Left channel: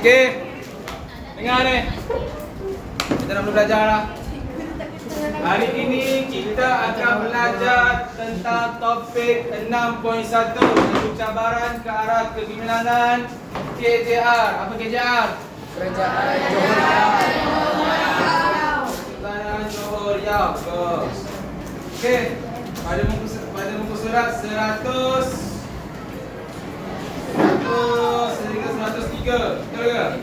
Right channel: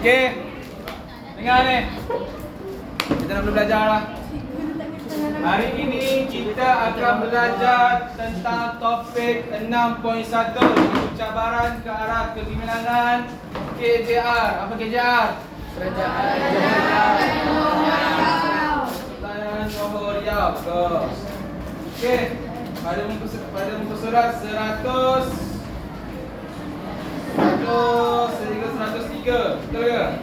Okey. Dengar ni. Kita nak belajar lah. Hari ini kita akan belajar tentang topik 6.1 iaitu cabaran ke arah kegemilangan KJR. Apa KJR? Kerajaan Johor Riau. Kesultanan Johor Riau. Bagus. Okey. Pada muka surat 100 sehingga 103. Betul ke?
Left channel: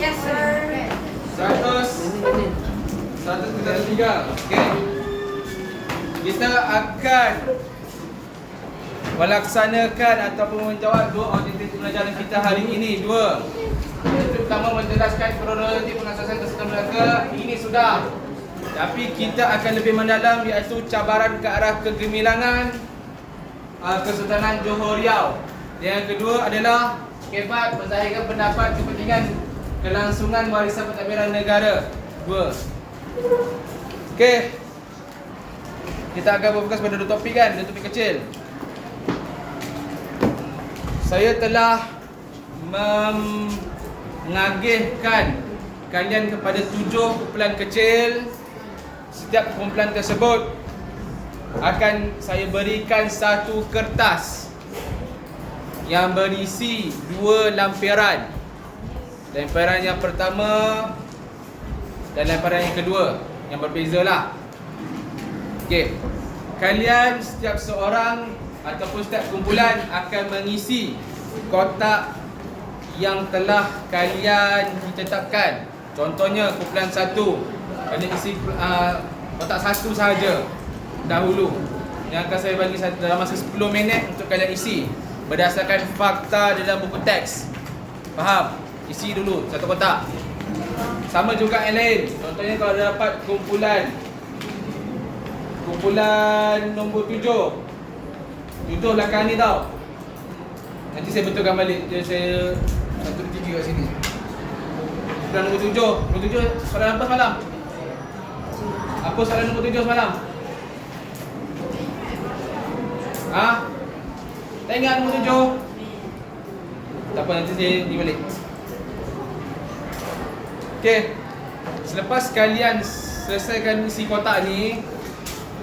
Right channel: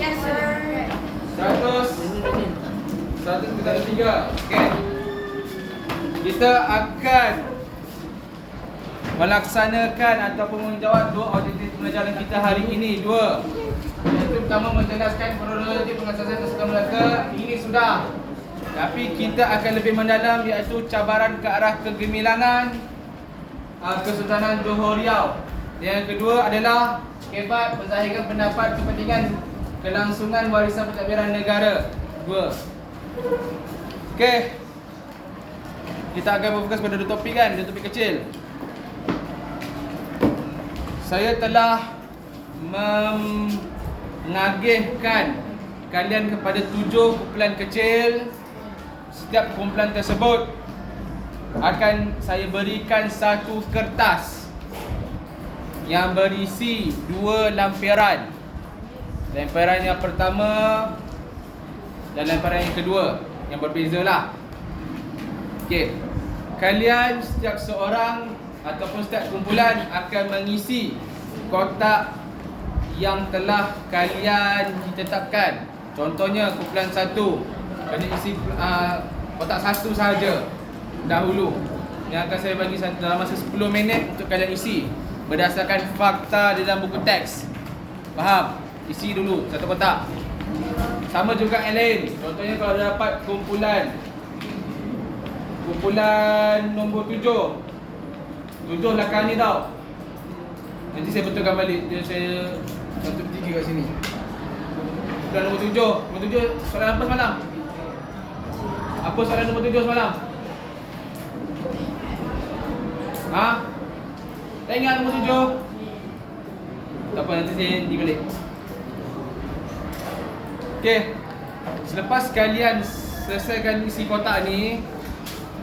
Yes, sir. 133. Okey. Kita akan melaksanakan ataupun menjawab dua objektif pembelajaran kita hari ini. Dua. Iaitu pertama menjelaskan kronologi pengasasan Kesultanan Melaka. Ini sudah. Tapi kita akan lebih mendalam iaitu cabaran ke arah kegemilangan Kesultanan Johor Riau. Yang kedua adalah kebat menzahiran pendapat kepentingan kelangsungan warisan pentadbiran negara. Dua. Okey. Kita akan berfokus pada dua topik kan, dua topik kecil. Saya telah mengagihkan kalian kepada 7 kumpulan kecil. Setiap kumpulan tersebut akan saya berikan satu kertas yang berisi 2 lampiran. Lampiran yang pertama dan lampiran yang kedua yang berbezalah. Okey. Kalian setiap seorang ataupun setiap kumpulan akan mengisi kotak yang telah kalian ditetapkan. Contohnya kumpulan 1 kena isi kotak 1 sahaja dahulu. Yang akan saya bagi dalam masa 10 minit untuk kalian isi berdasarkan fakta di dalam buku teks. Faham? Isi dulu satu kotak. Sama juga yang lain. Contohnya kalau dapat kumpulan nombor 7. 7 belakang ni tau. Nanti saya betulkan balik. Jadi saya 1-3 kat sini. Kumpulan nombor 7. Nombor 7 soalan apa semalam? Apa soalan nombor 7 semalam? Ha? Tak ingat nombor 7? Tak apa, nanti saya ni balik. Okey. Selepas kalian selesaikan isi kotak ni,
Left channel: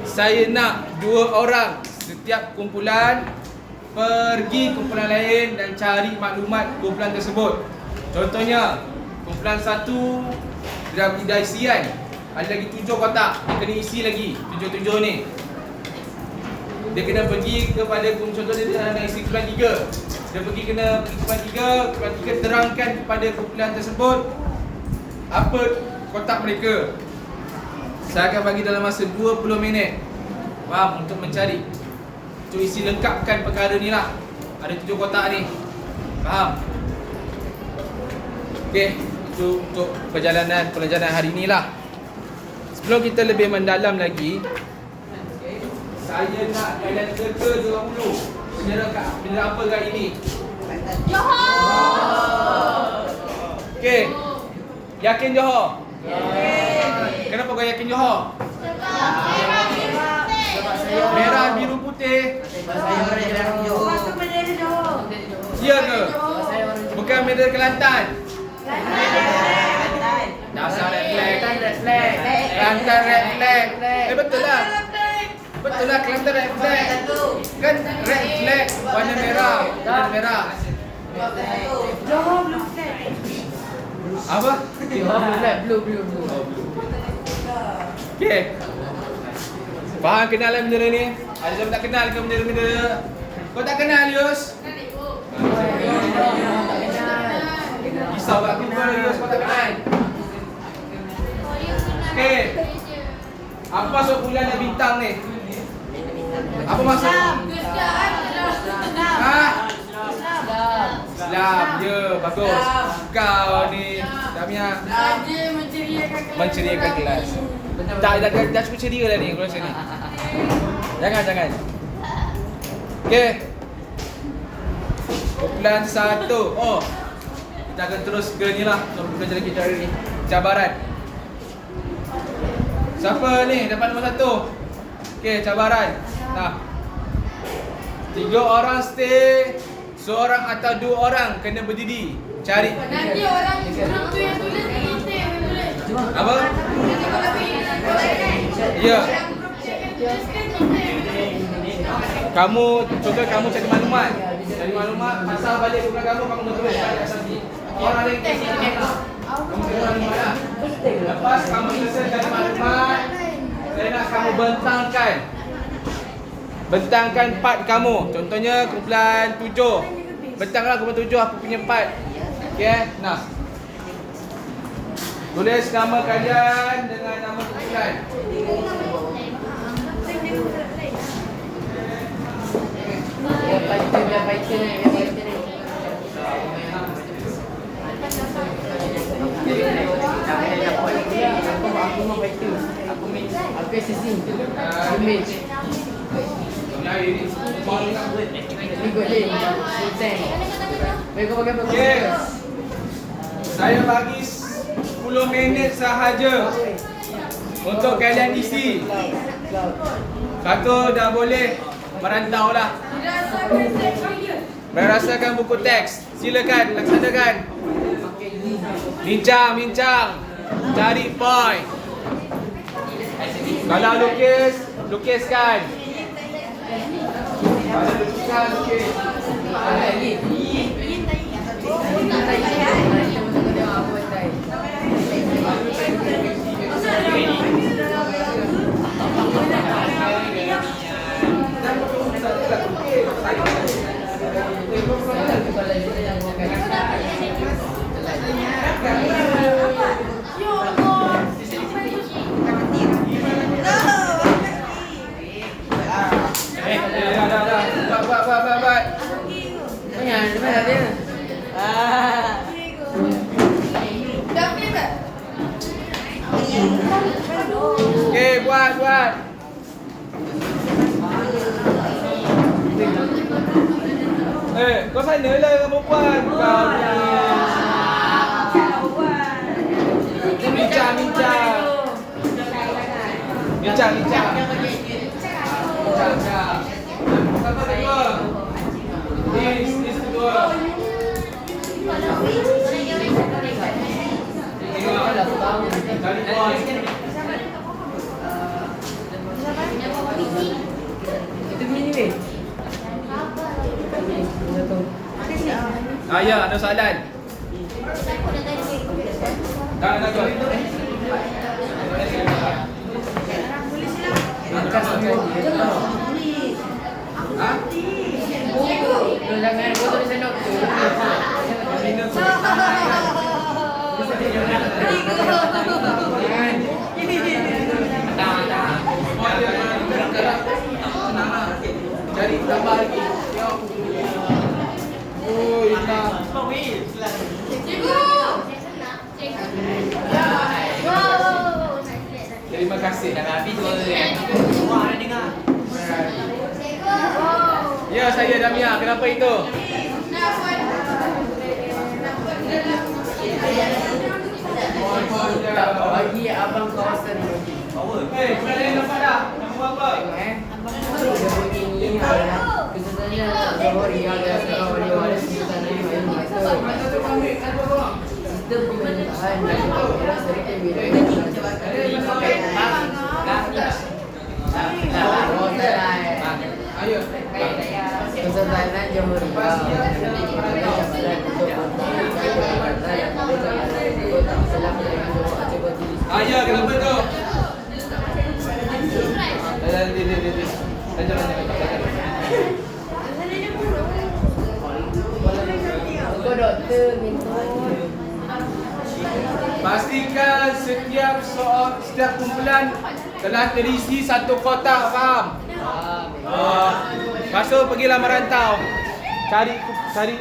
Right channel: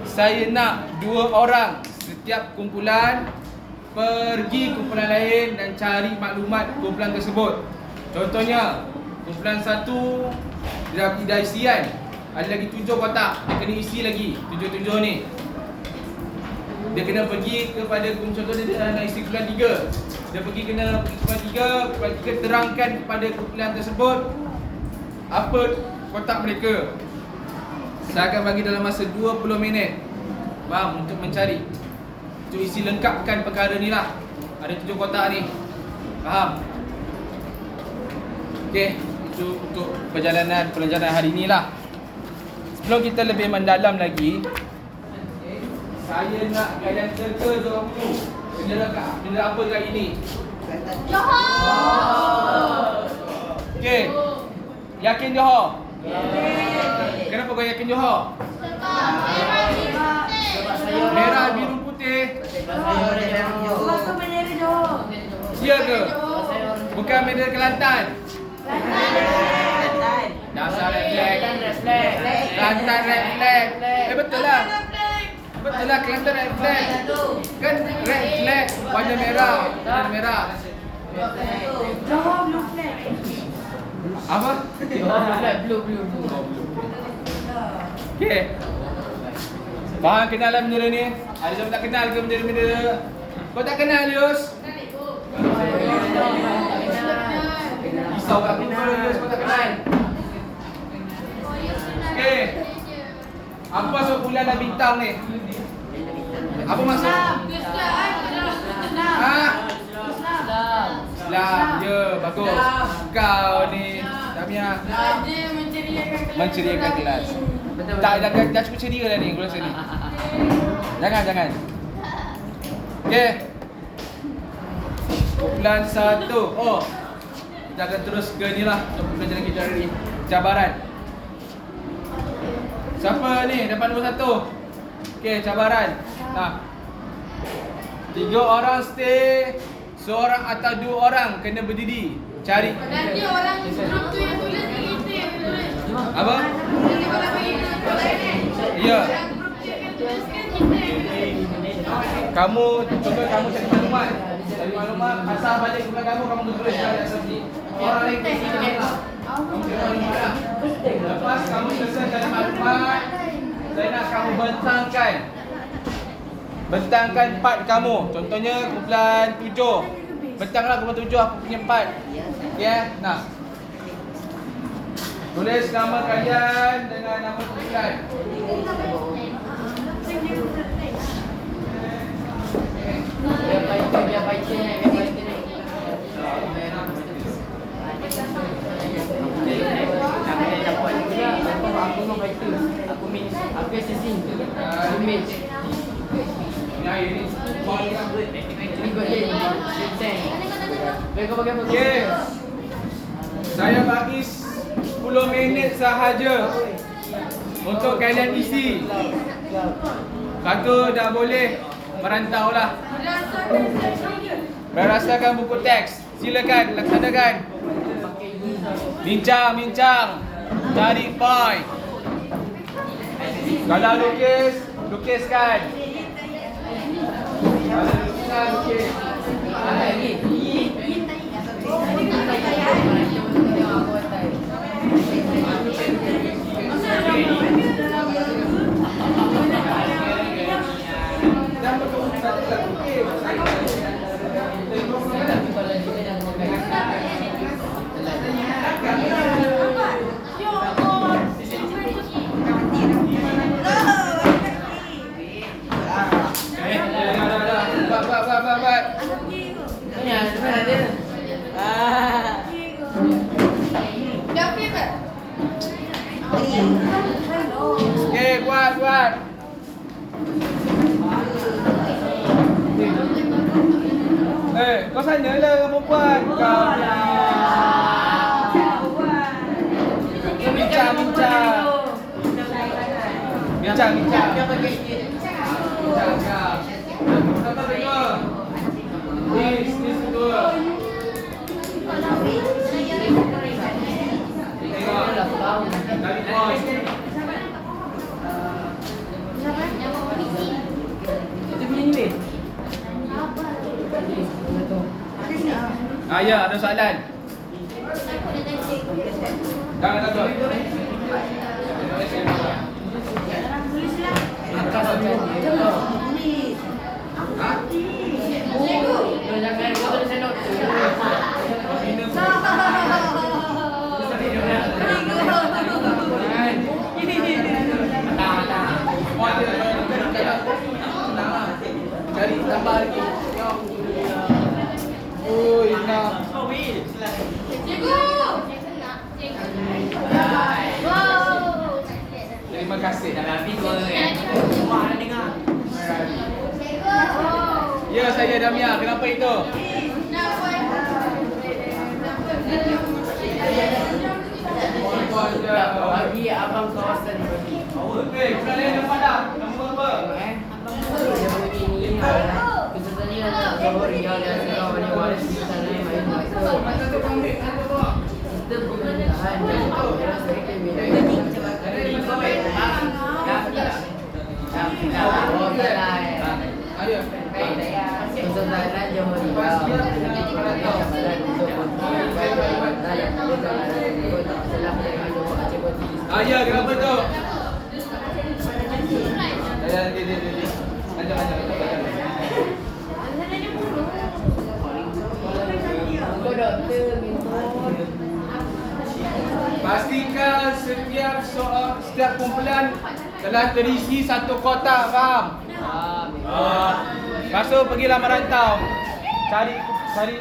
saya nak 2 orang setiap kumpulan pergi kumpulan lain dan cari maklumat kumpulan tersebut. Contohnya, kumpulan 1 dah isi kan? Ada lagi 7 kotak, dia kena isi lagi 7 ni. Dia kena pergi kepada contohnya dia nak isi kumpulan 3. Dia kena pergi kumpulan 3 terangkan kepada kumpulan tersebut apa kotak mereka. Saya akan bagi dalam masa 20 minit. Faham? Untuk mencari, untuk isi lengkapkan perkara ni lah. Ada 7 kotak ni. Faham? Okey, itu untuk pelajaran hari ni lah. Sebelum kita lebih mendalam lagi, saya nak kalian teka dulu. Benda apa kat ini? Johor. Okey. Yakin Johor? Kenapa kau yakin Johor? Sebab saya Merah, biru, putih. sebab saya orang Johor. Sebab tu bendera Johor. Ya ke? Sebab saya orang Johor. Bukan bendera Kelantan. Kelantan. Dasar red flag. Kelantan red flag. Kelantan red flag. Betul lah. Betul lah, Kelantan red flag. Kan red flag warna merah. Warna merah. Johor blue flag. Apa? Johor blue flag, blue. Okey. Faham kenalan bendera ni? Ada siapa tak kenal ke bendera-bendera? Kau tak kenal, Yus? Risau aku kalau Yus kau tak kenal. Okey. Apa maksud bulan dan bintang ni? Apa maksud? Ha? Islam. Ya, bagus. Kau ni Damia menceriakan kelas. Tak, dah cukup ceria dah ni, aku rasa ni. Jangan. Okey. Kumpulan 1. Oh. Kita akan terus ke ni lah untuk pelajaran kita hari ni. Cabaran. Siapa ni dapat nombor 1? Okey, cabaran. Nah. 3 orang stay seorang atau 2 orang kena berdiri. Cari. Nanti orang group tu yang tulis kita yang tulis. Apa? Nanti kalau kita Ya. yang group dia akan tuliskan kita. Kamu contoh kamu cari maklumat. Cari maklumat, asal balik rumah kamu tulis pada asas ni. Orang lain kasi tengok. Kamu tengok maklumat lah. Lepas kamu selesaikan maklumat, saya nak kamu bentangkan part kamu. Contohnya kumpulan 7. Bentanglah kumpulan 7 apa punya part. Okey, nah. Tulis nama kalian dengan nama kumpulan. Biar fighter naik. Aku mau fighter. Aku assassin. Image. Ya ini. Ikut je. Tank. Mereka pakai apa? Okey. Saya bagi 10 minit sahaja untuk kalian isi. Satu dah boleh merantau lah. Berasakan buku teks. Silakan laksanakan. Bincang. Cari point. Kalau lukiskan. Kalau lukis. Mana dia? Okey, buat. Kau sana lah perempuan. Kau ni. Bincang. Siapa kedua? Nis kedua. Cari point. Itu punya ni weh. Ya, ada soalan. Dah. Angkat sekali. Ha? Jangan kau tulis note. Cari tambah lagi. Oi, nak. Terima kasih. Dah habis tu Wah, dah dengar. Ya, saya Damia. Kenapa itu? Bagi abang kawasan ni bagi. Hei, kalian dapat dah? Nombor apa? Dia bunyi ni adalah kesesatannya Johor yang dihasilkan oleh waris Sultan Ayam Malaysia. Sistem pemerintahan dan pemerintahan serta wilayah Oh, salah. Ayo. Kesultanan Johor menjadi jabatan untuk memperoleh jabatan dan negara di kota Selam dan Johor Aceh Koti. Ya, kenapa itu? Di. Kau doktor mentor. Pastikan setiap kumpulan telah terisi satu kotak, faham? Lepas tu pergilah merantau. Cari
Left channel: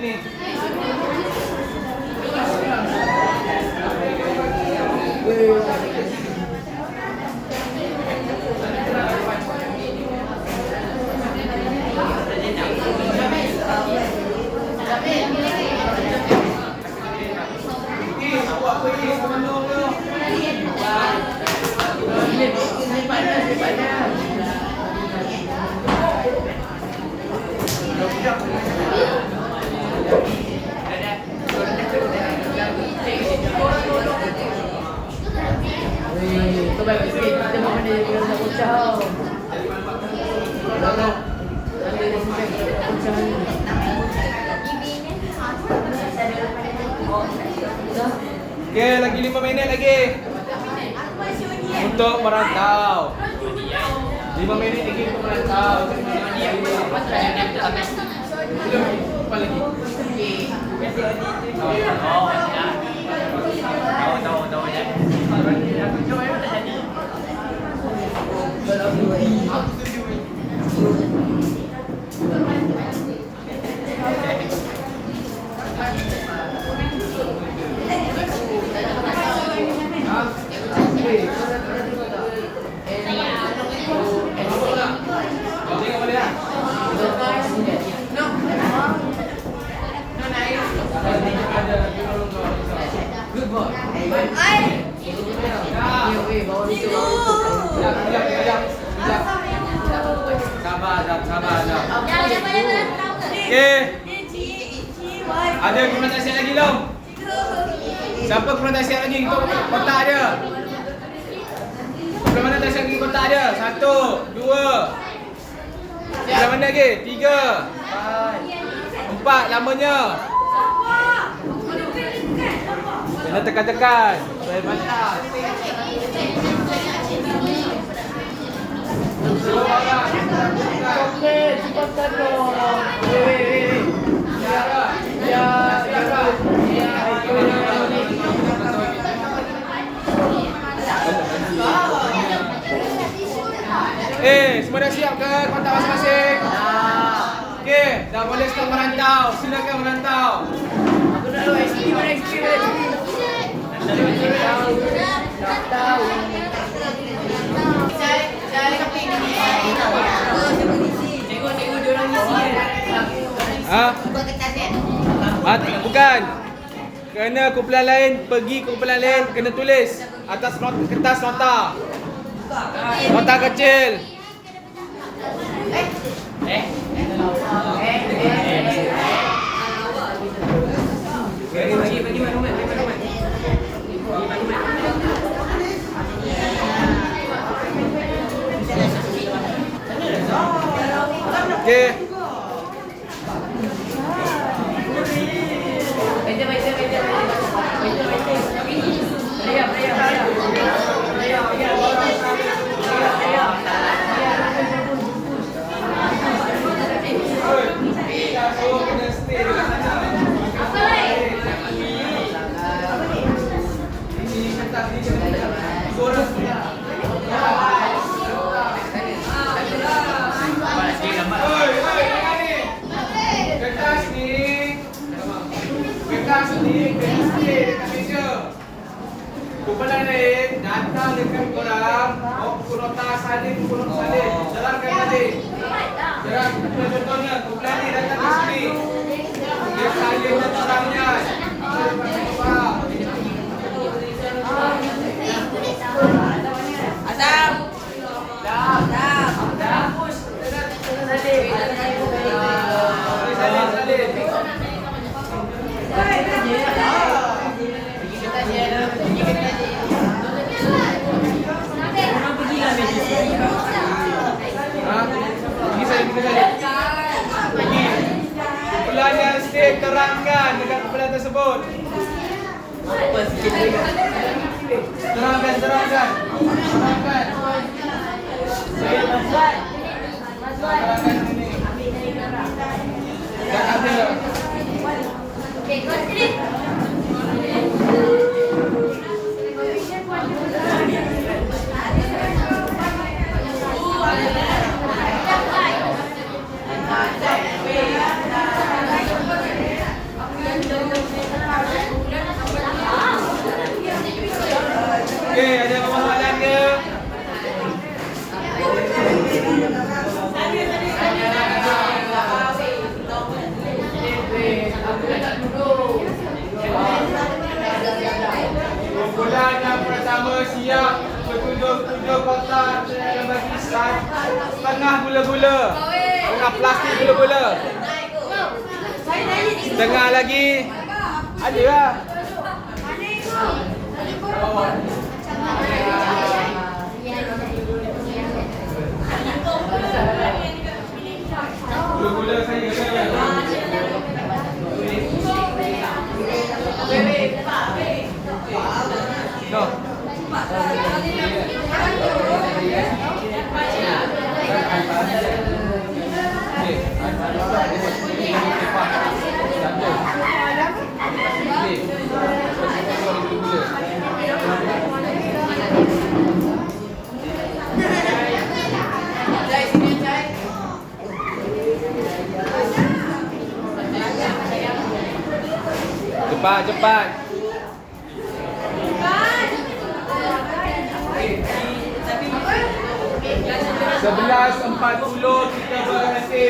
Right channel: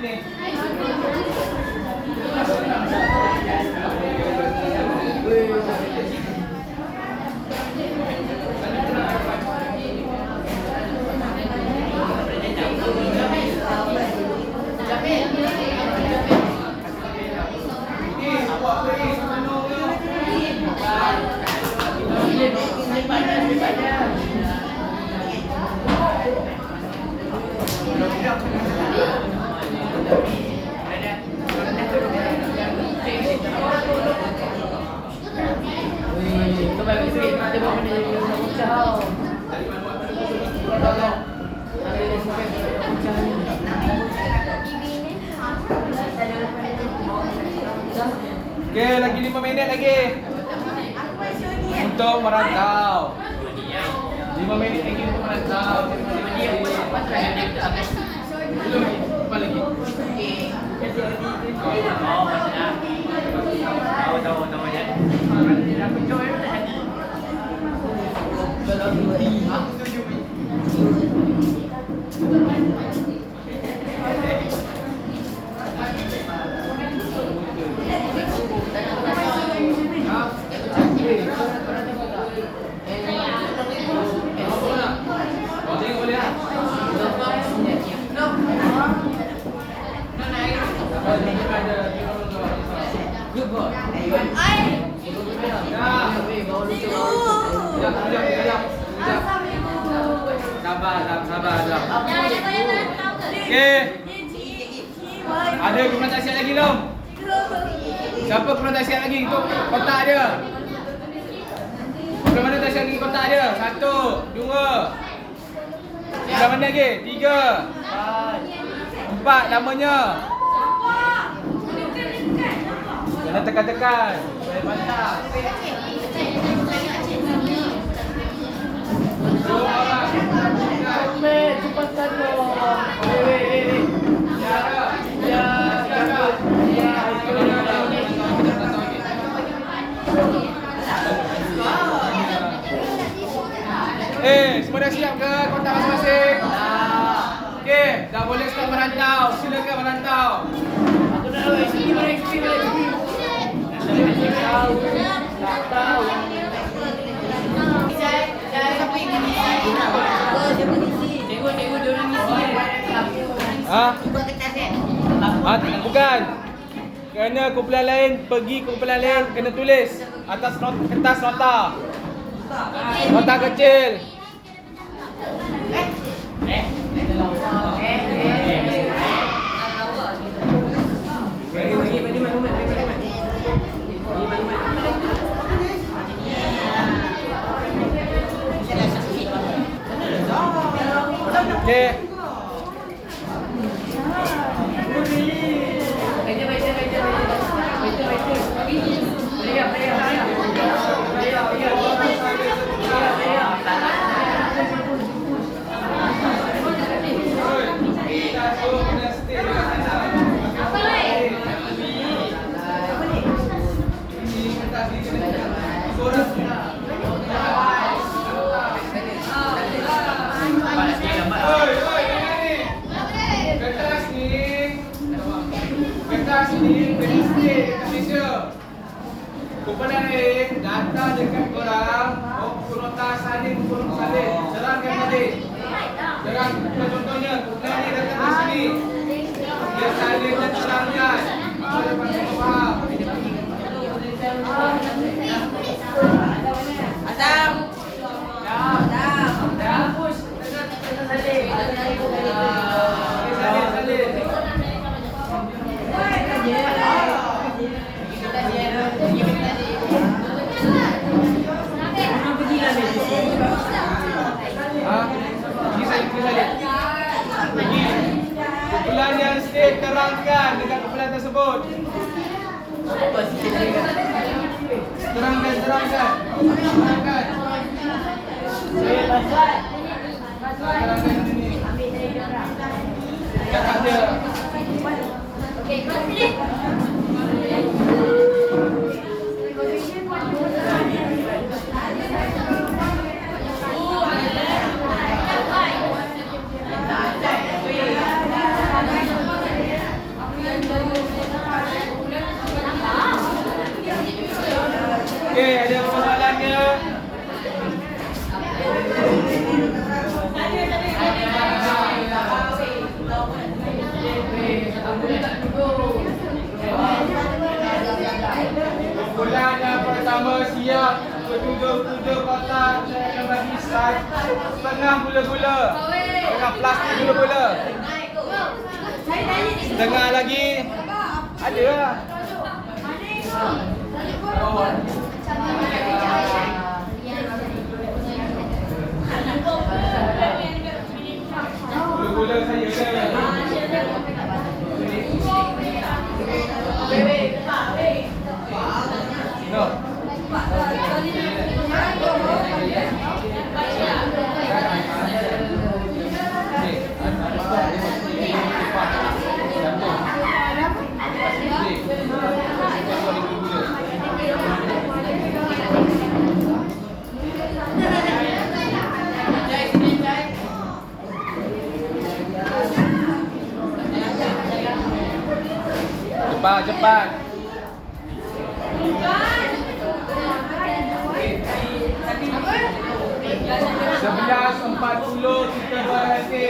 ni. Okey, lagi 5 minit lagi. Untuk merantau. 5 minit lagi untuk merantau. Dia pun apa tu yang dia tak habis. Belum, apa lagi? Oh, siap. Tahu ya. Aku join pun tak jadi. Tengok boleh tak? Good boy. Bawa lucu. Sekejap. Sabar. Okey. Ada kurang tak siap lagi belum? Siapa kurang tak siap lagi? Untuk kotak dia. Sebelah mana tak siap lagi kotak dia? 1, 2. Sebelah mana lagi? 3, 4 lamanya. Jangan tekan-tekan. Saya bantah. Komen cepatan dong. Weh. Ya. Semua dah siap ke kotak masing-masing? Okey, dah boleh start merantau. Silakan merantau. Aku nak tahu SP mana. Tak tahu. Saya sampai gini. Siapa ngisi? Tengok dia orang ngisi. Buat kertas kan? Bukan. Kerana kumpulan lain pergi kumpulan lain kena tulis atas kertas nota. Nota kecil. Bagi maklumat. Okey. Kertas ni kena display dekat meja. Kumpulan lain datang dekat korang, buku nota salin. Jalankan tadi. Contohnya kumpulan ni datang di sini. Dia salin orangnya. Faham? Asam. Dah. Push. Salin. Pergi salin. Kumpulan yang stay terangkan dekat kumpulan tersebut. Terangkan. Terangkan sini. Dekat dia. Okey, kau sini. Okey, ada apa soalan ke? Kumpulan yang pertama siap ketujuh kotak. Saya akan bagi setengah gula-gula. Setengah plastik gula-gula. Setengah lagi. Ada lah. Gula-gula saya ada. Cepat. Sebelas 40 kita berhenti.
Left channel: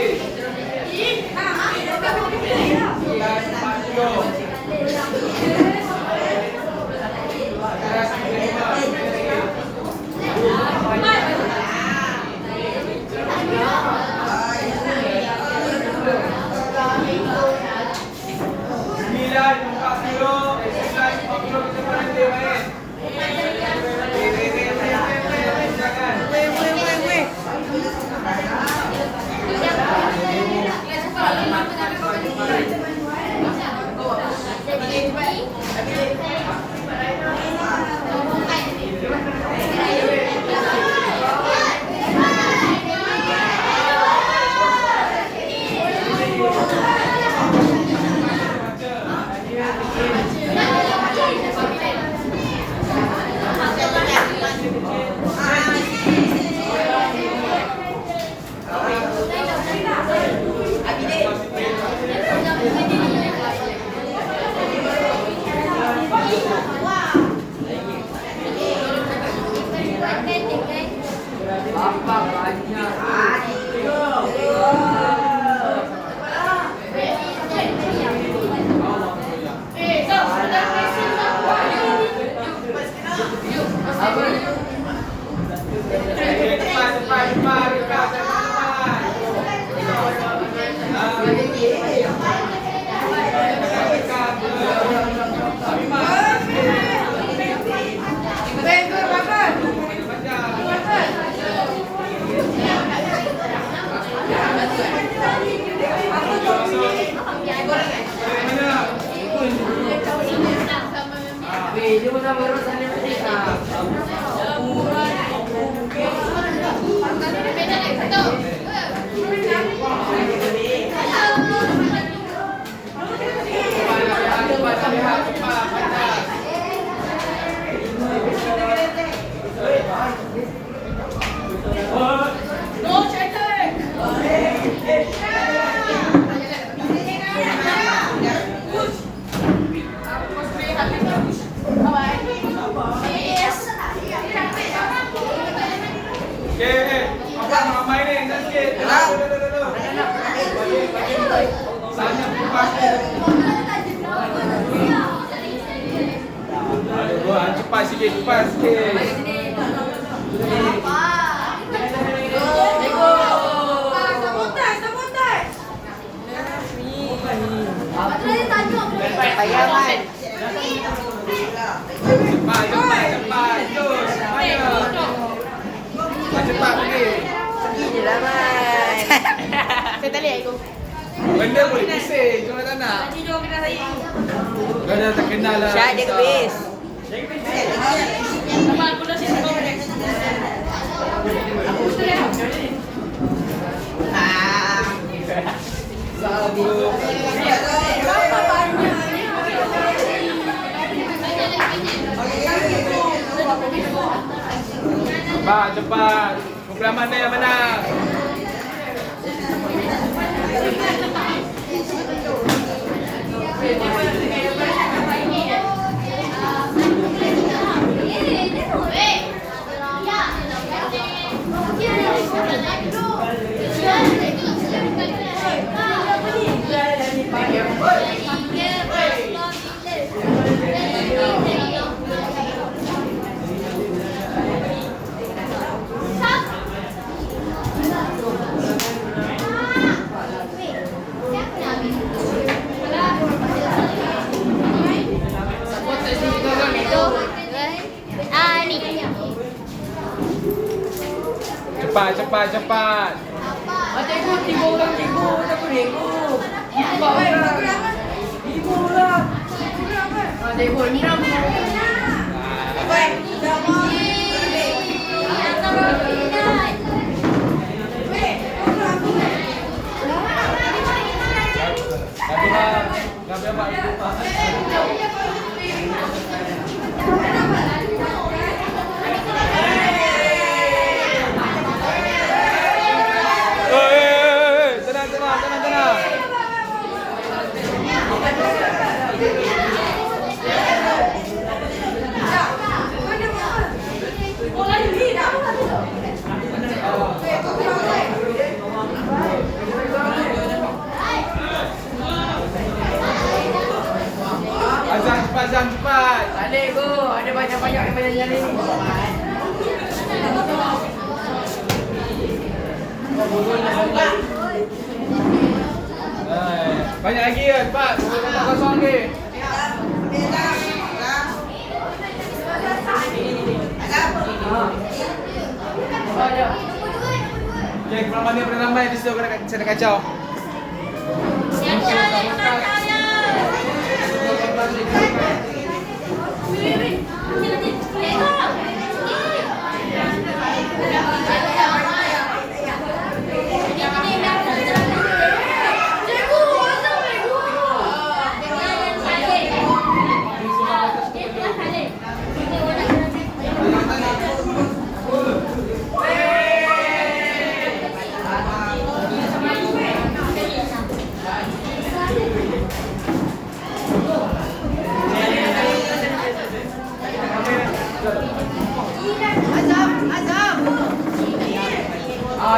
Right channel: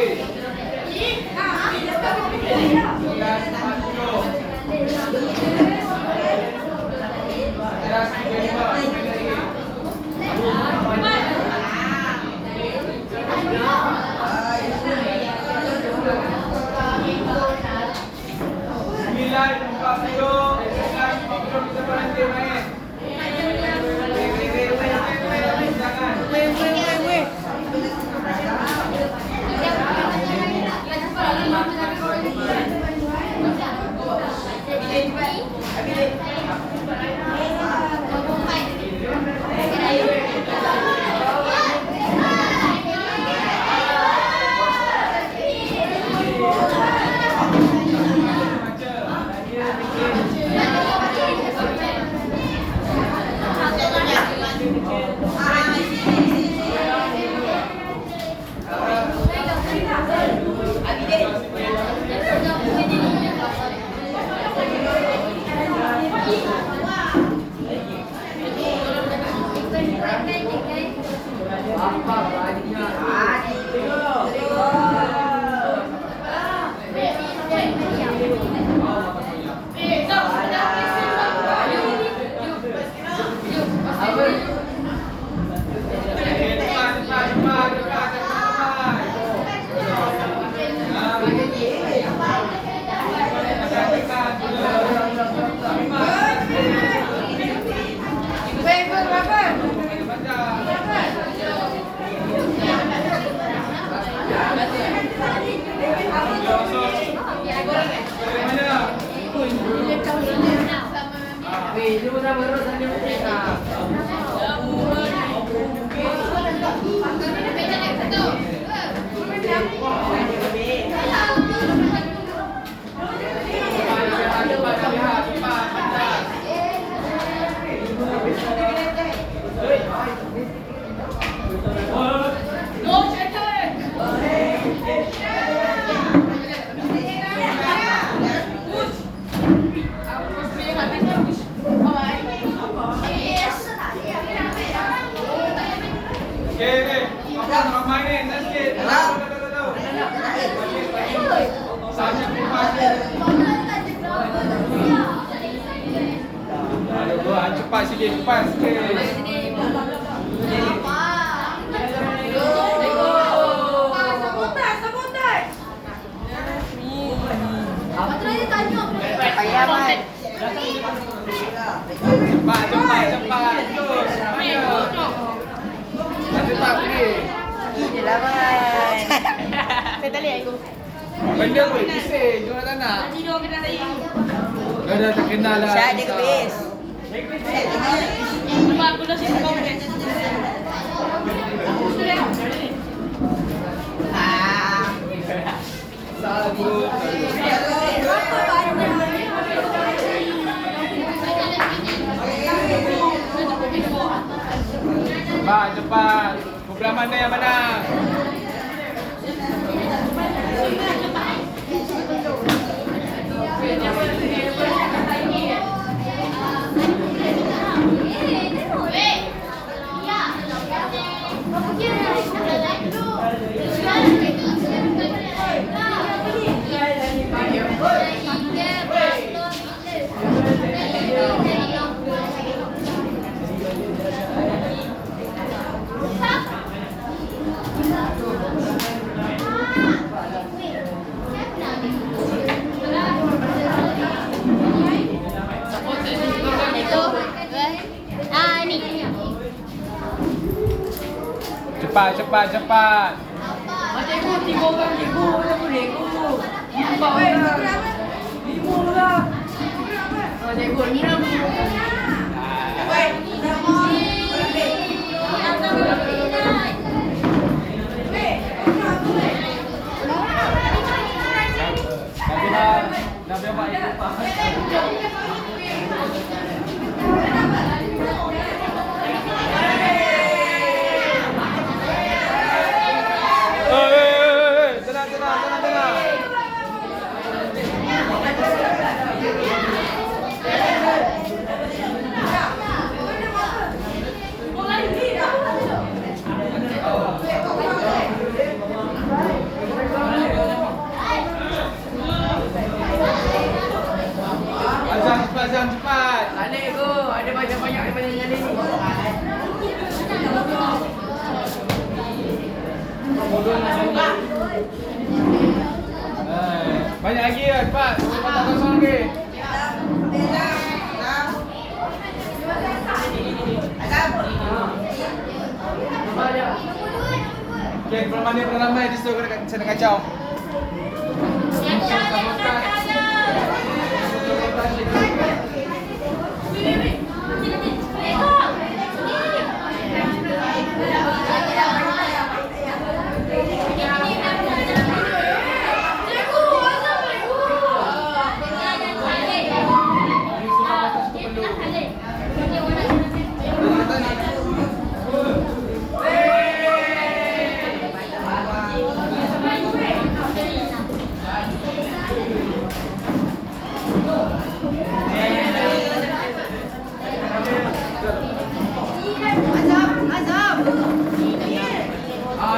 cepat. Macam itu 3 orang 1,000 dah boleh. 4 orang. 5 lah. Tengok ni lah. Dah biar baik lupa. Tenang. Zam cepat, Zam cepat. Balik go. Ada banyak-banyak yang banyak nyali ni. Banyak lagi ya, cepat. Tak kosong lagi. Okay, kurang mana pada ramai di situ saya nak kacau.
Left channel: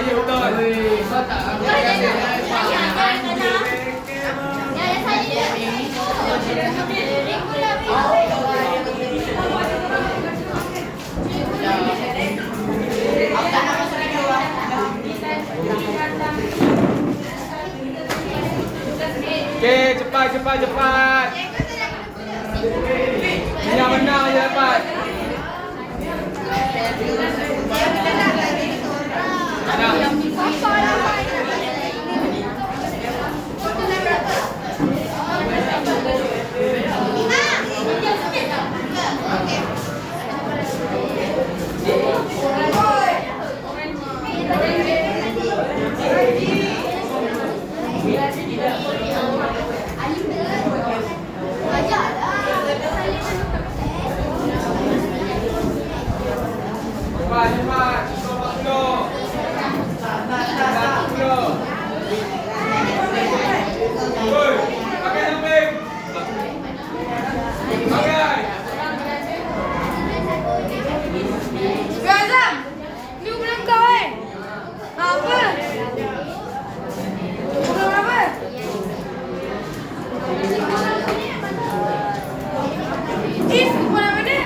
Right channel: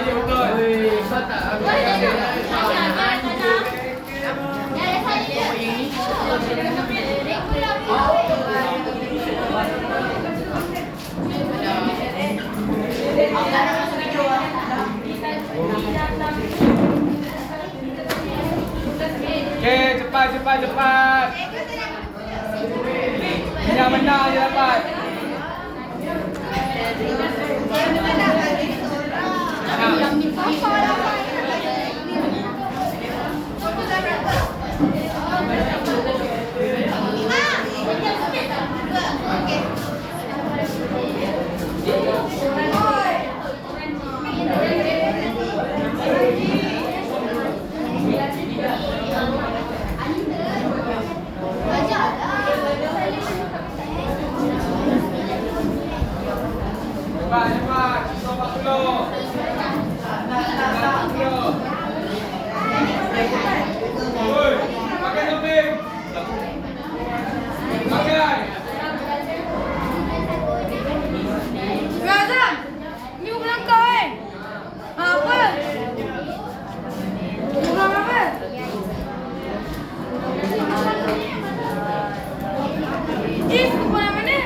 Ya betul. So tak aku okey, cepat. Yang menang je dapat. Yang ni papa lah. Cepat. 40. Oi, pakai samping. Pakai. Azam, ni ulang kau Apa? Ulang apa? Is kumpulan mana?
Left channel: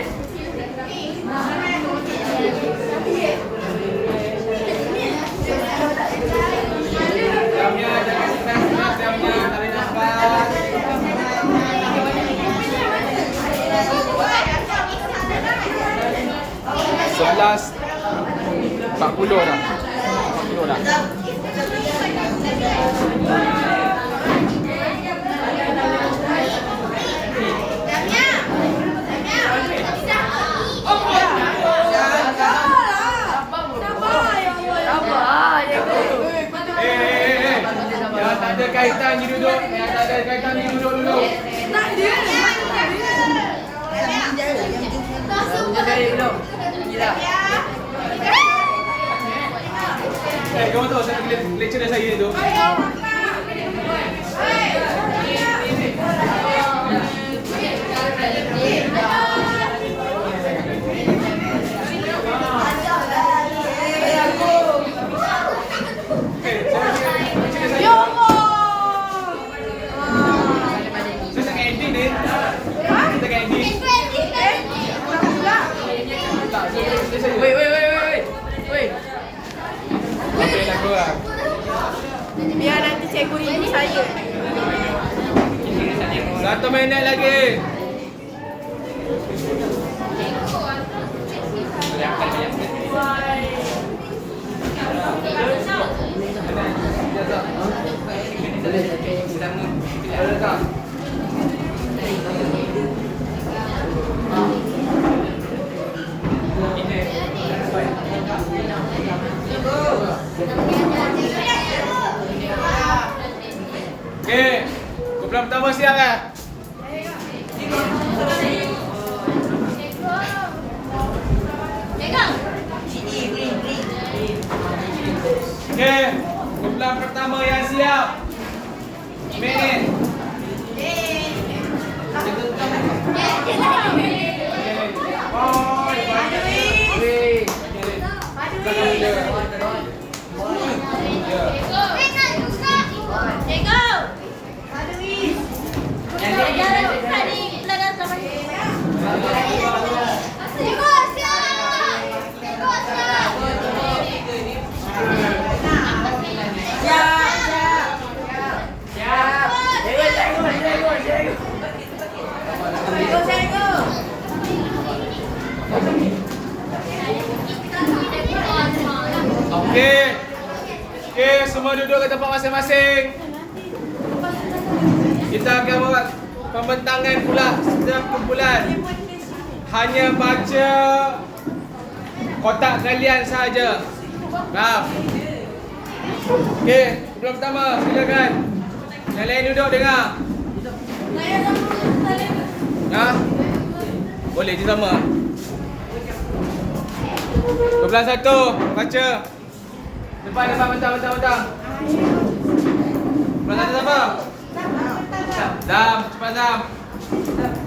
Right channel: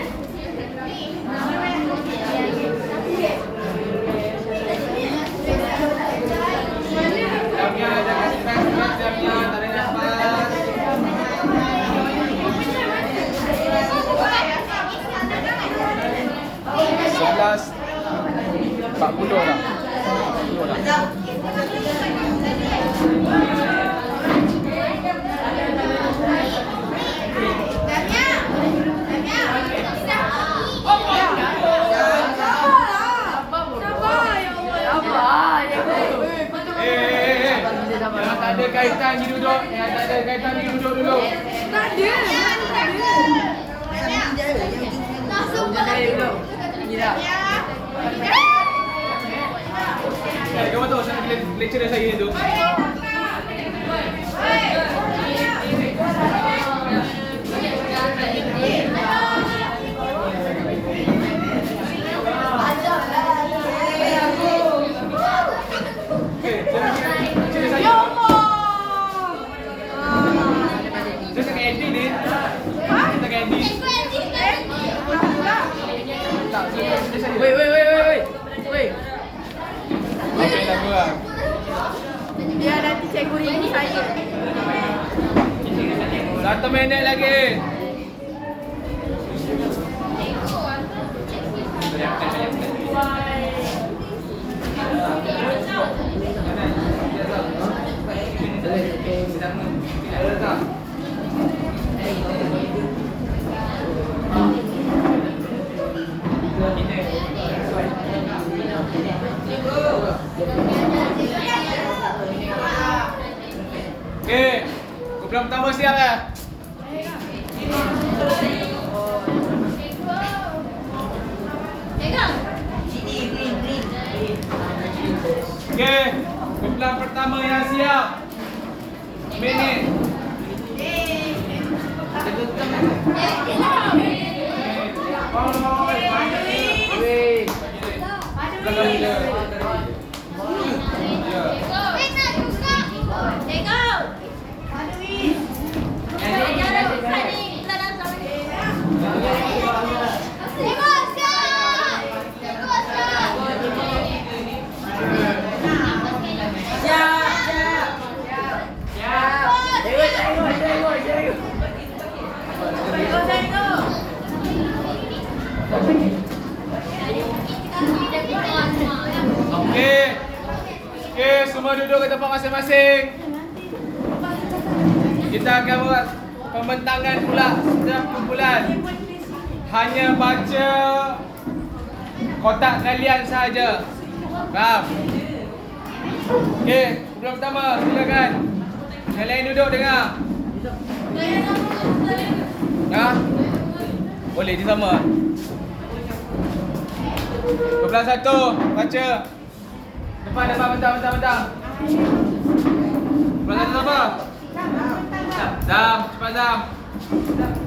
Jamnya jangan cepat. Jamnya tarik nafas. 40 dah. 40 dah. Yang tak ada kaitan pergi duduk. Yang tak ada kaitan pergi duduk dulu. Hujan dari belum? Gila. Kamu tahu saya lecturer saya tu. Ya Allah. Saya tengah edit ni. Ha? Saya tengah edit. Tak pula. Tak, saya. Wei. Apa lah korang? Biar nanti cikgu rindu saya. 1 minit lagi. Okey, kumpulan pertama siap dah. Okey, kumpulan pertama yang siap. Minit. Belakang dia. Ya. Semua duduk ke tempat masing-masing. Kita akan buat pembentangan pula setiap kumpulan. Hanya baca kotak kalian sahaja. Faham? Okey, kumpulan pertama silakan. Yang lain duduk dengar. Ha? Boleh di sama. Kumpulan 1 baca. Depan mentang. Kumpulan 1 apa? Dam, cepat Dam.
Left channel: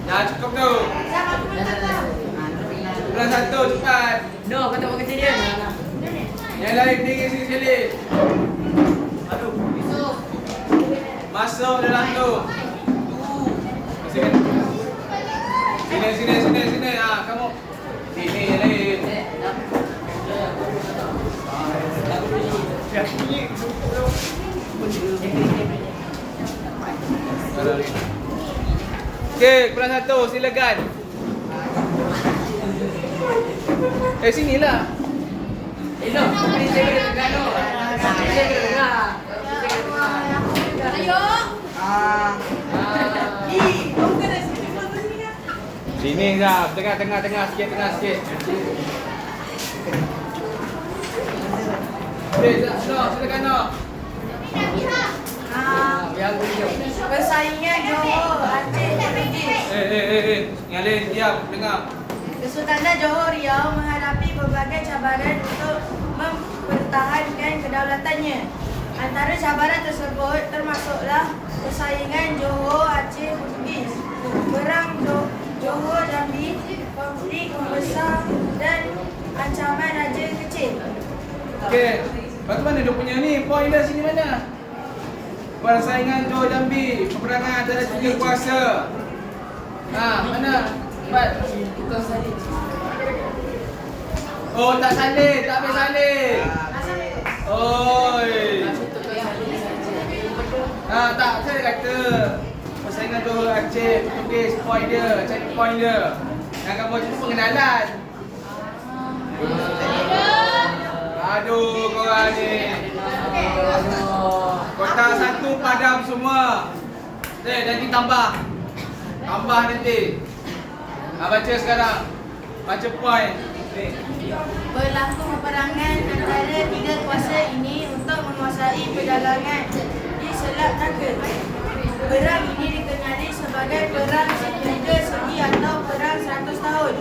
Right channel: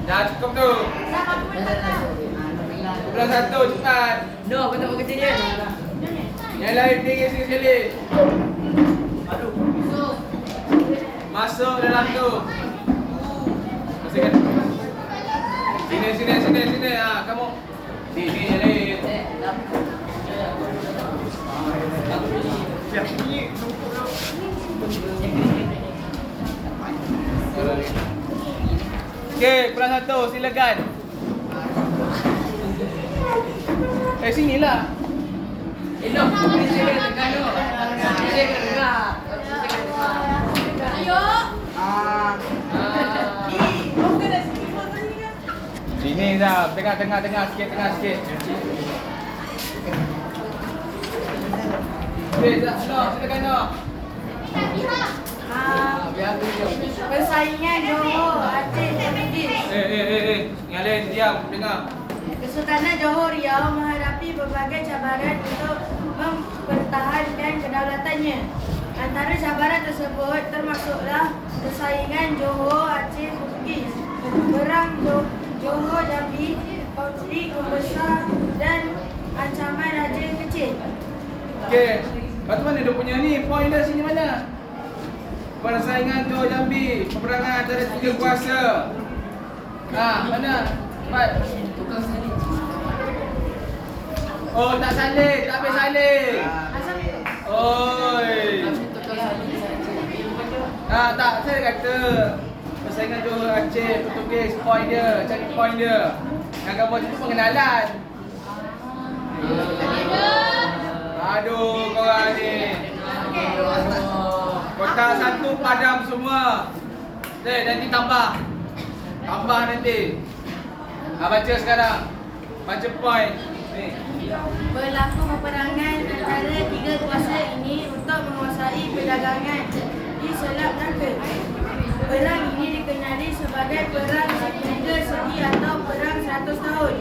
Dah cukup tu. Kumpulan 1 cepat. No, kau tak kecil dia. Yang lain tinggi sekali. Masuk dalam tu. Sini. Ha, kamu. Sini yang lain. Ya, bunyi. Okey, kumpulan 1 silakan. Sinilah. No, saya kena dengar no. Saya kena dengar. Ayo. Sini dah, tengah sikit. Okey, silakan no. Biar aku jom. Persaingan Johor, Aceh, Bugis. Yang lain diam, dengar. Kesultanan Johor Riau menghadapi berbagai cabaran untuk mempertahankan kedaulatannya. Antara cabaran tersebut termasuklah persaingan Johor Aceh Bugis, perang Johor Jambi, konflik membesar dan ancaman Raja Kecil. Okey, bagaimana dia punya ni? Poin dah sini mana? Persaingan Johor Jambi, peperangan antara tiga kuasa. Ha, mana? Cepat. Tukang salin. Oh, tak salin, tak habis salin. Asal itu? Oi. Tapi tukang salin saja. Tak, saya kata persaingan Johor Aceh, tulis poin dia, cari poin dia. Yang kamu itu pengenalan. Aduh, korang ni. Kotak 1 padam semua. Nanti tambah. Tambah nanti. Baca sekarang. Baca poin. Ni. Berlaku peperangan antara tiga kuasa ini untuk menguasai perdagangan di Selat Melaka. Perang ini dikenali sebagai Perang Tiga Segi atau Perang 100 Tahun.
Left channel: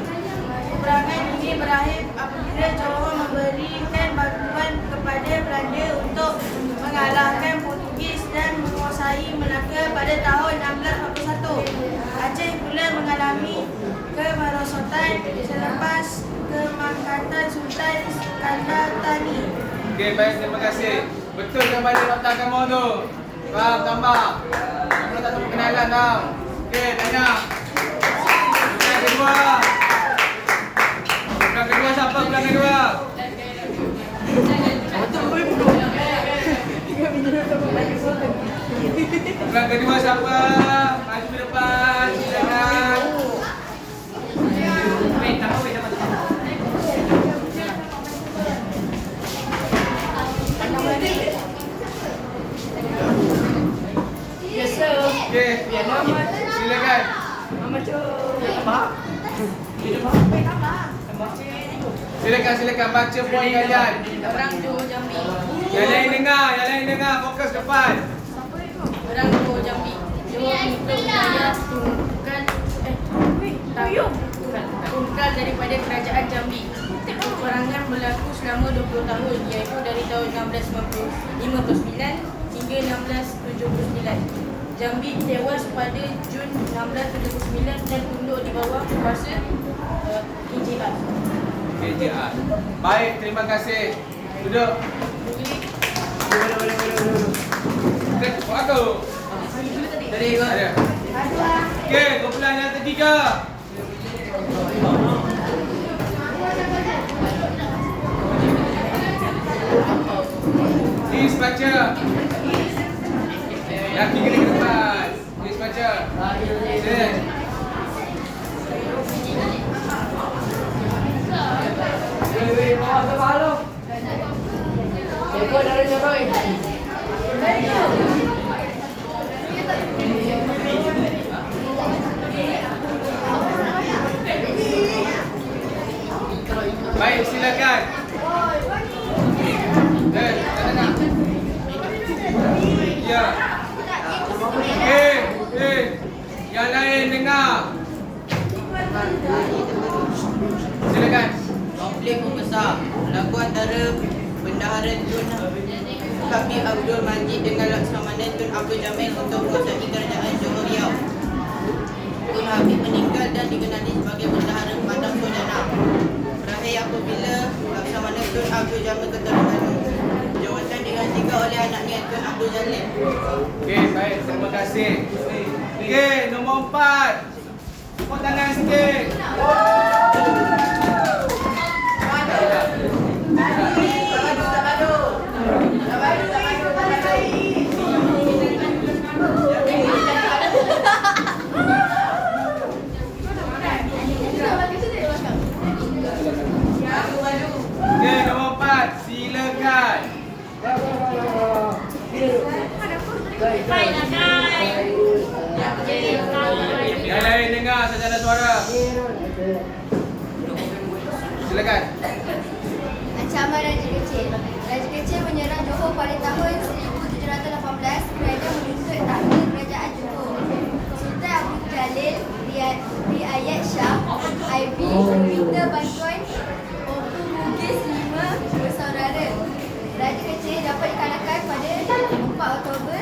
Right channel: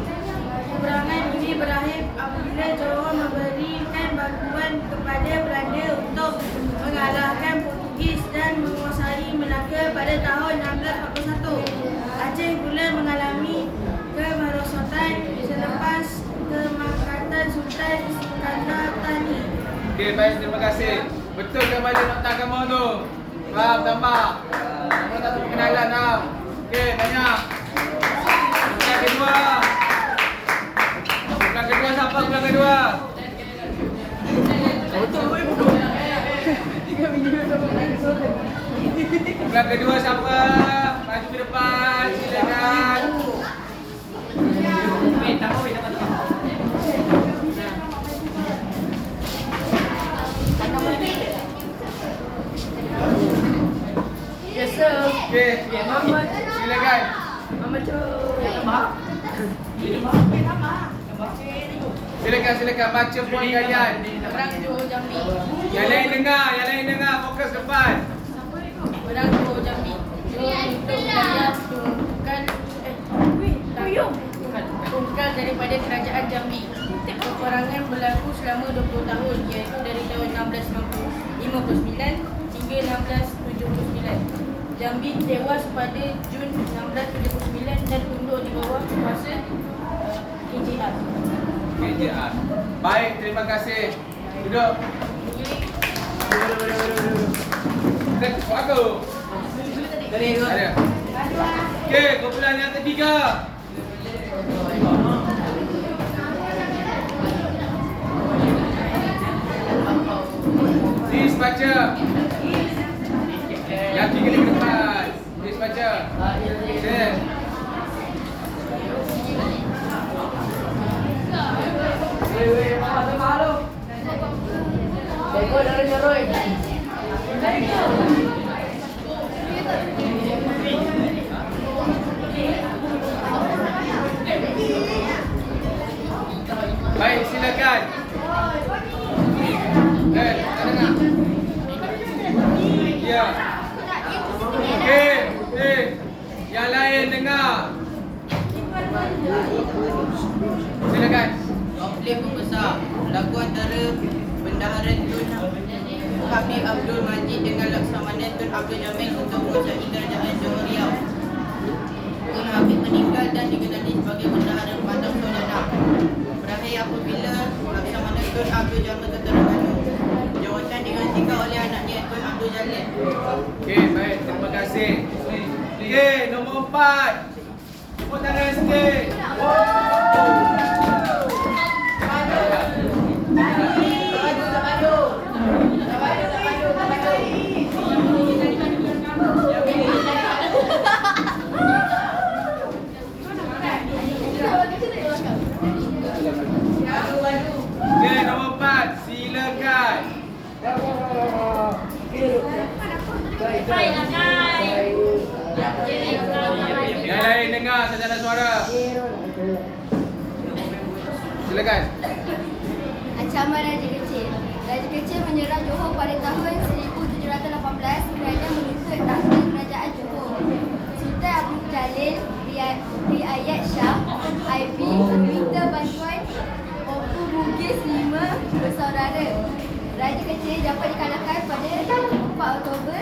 Peperangan ini berakhir apabila Johor memberikan bantuan kepada Belanda untuk mengalahkan Portugis dan menguasai Melaka pada tahun 1641. Aceh pula mengalami kemerosotan selepas kemangkatan Sultan Iskandar Thani. Okey, baik, terima kasih. Betul ke balik nota kamu tu? Faham, tambah. Kamu tak tahu perkenalan tau. Okey, tanya. Yang kedua. Yang kedua siapa pulang kedua? Pulang kedua siapa? Maju ke depan, silakan. Yes sir. Okey, silakan. Mama cok. Silakan baca poin kalian. Perang Johor Jambi. Yang lain dengar, fokus depan. Perang Johor Jambi. Johor untuk wilayah tunggal daripada kerajaan Jambi. Peperangan berlaku selama 20 tahun iaitu dari tahun 1659 hingga 1679. Jambi tewas pada Jun 1679 dan tunduk di bawah kuasa KJR. KJR. Baik, terima kasih. Duduk. Buat aku. Dari ikut. Ada. Okey, kumpulan yang ketiga. Please baca. Yang tiga di depan. Please baca. Yes. Dari kau dari Joroi. Bendahara Tun Habib Abdul Majid dengan Laksamana Tun Abdul Jamil untuk menguasai kerajaan Johor Riau. Tun Habib meninggal dan dikenali sebagai Bendahara Padang Sojana. Berakhir apabila Laksamana Tun Abdul Jamil ke Terengganu. Jawatan digantikan oleh anaknya Tun Abdul Jalil. Okey, baik. Terima kasih. Okey, nombor 4. Tepuk tangan sikit. Okey, nombor 4. Silakan. Yang lain dengar sajalah suara. Silakan. Ancaman Raja Kecil. Raja Kecil menyerang Johor pada tahun 1718 kerana menuntut takhta kerajaan Johor. Sultan Abdul Jalil, Riayat Shah, IB meminta bantuan Empu Bugis 5 bersaudara. Raja Kecil dapat dikalahkan pada 4 Oktober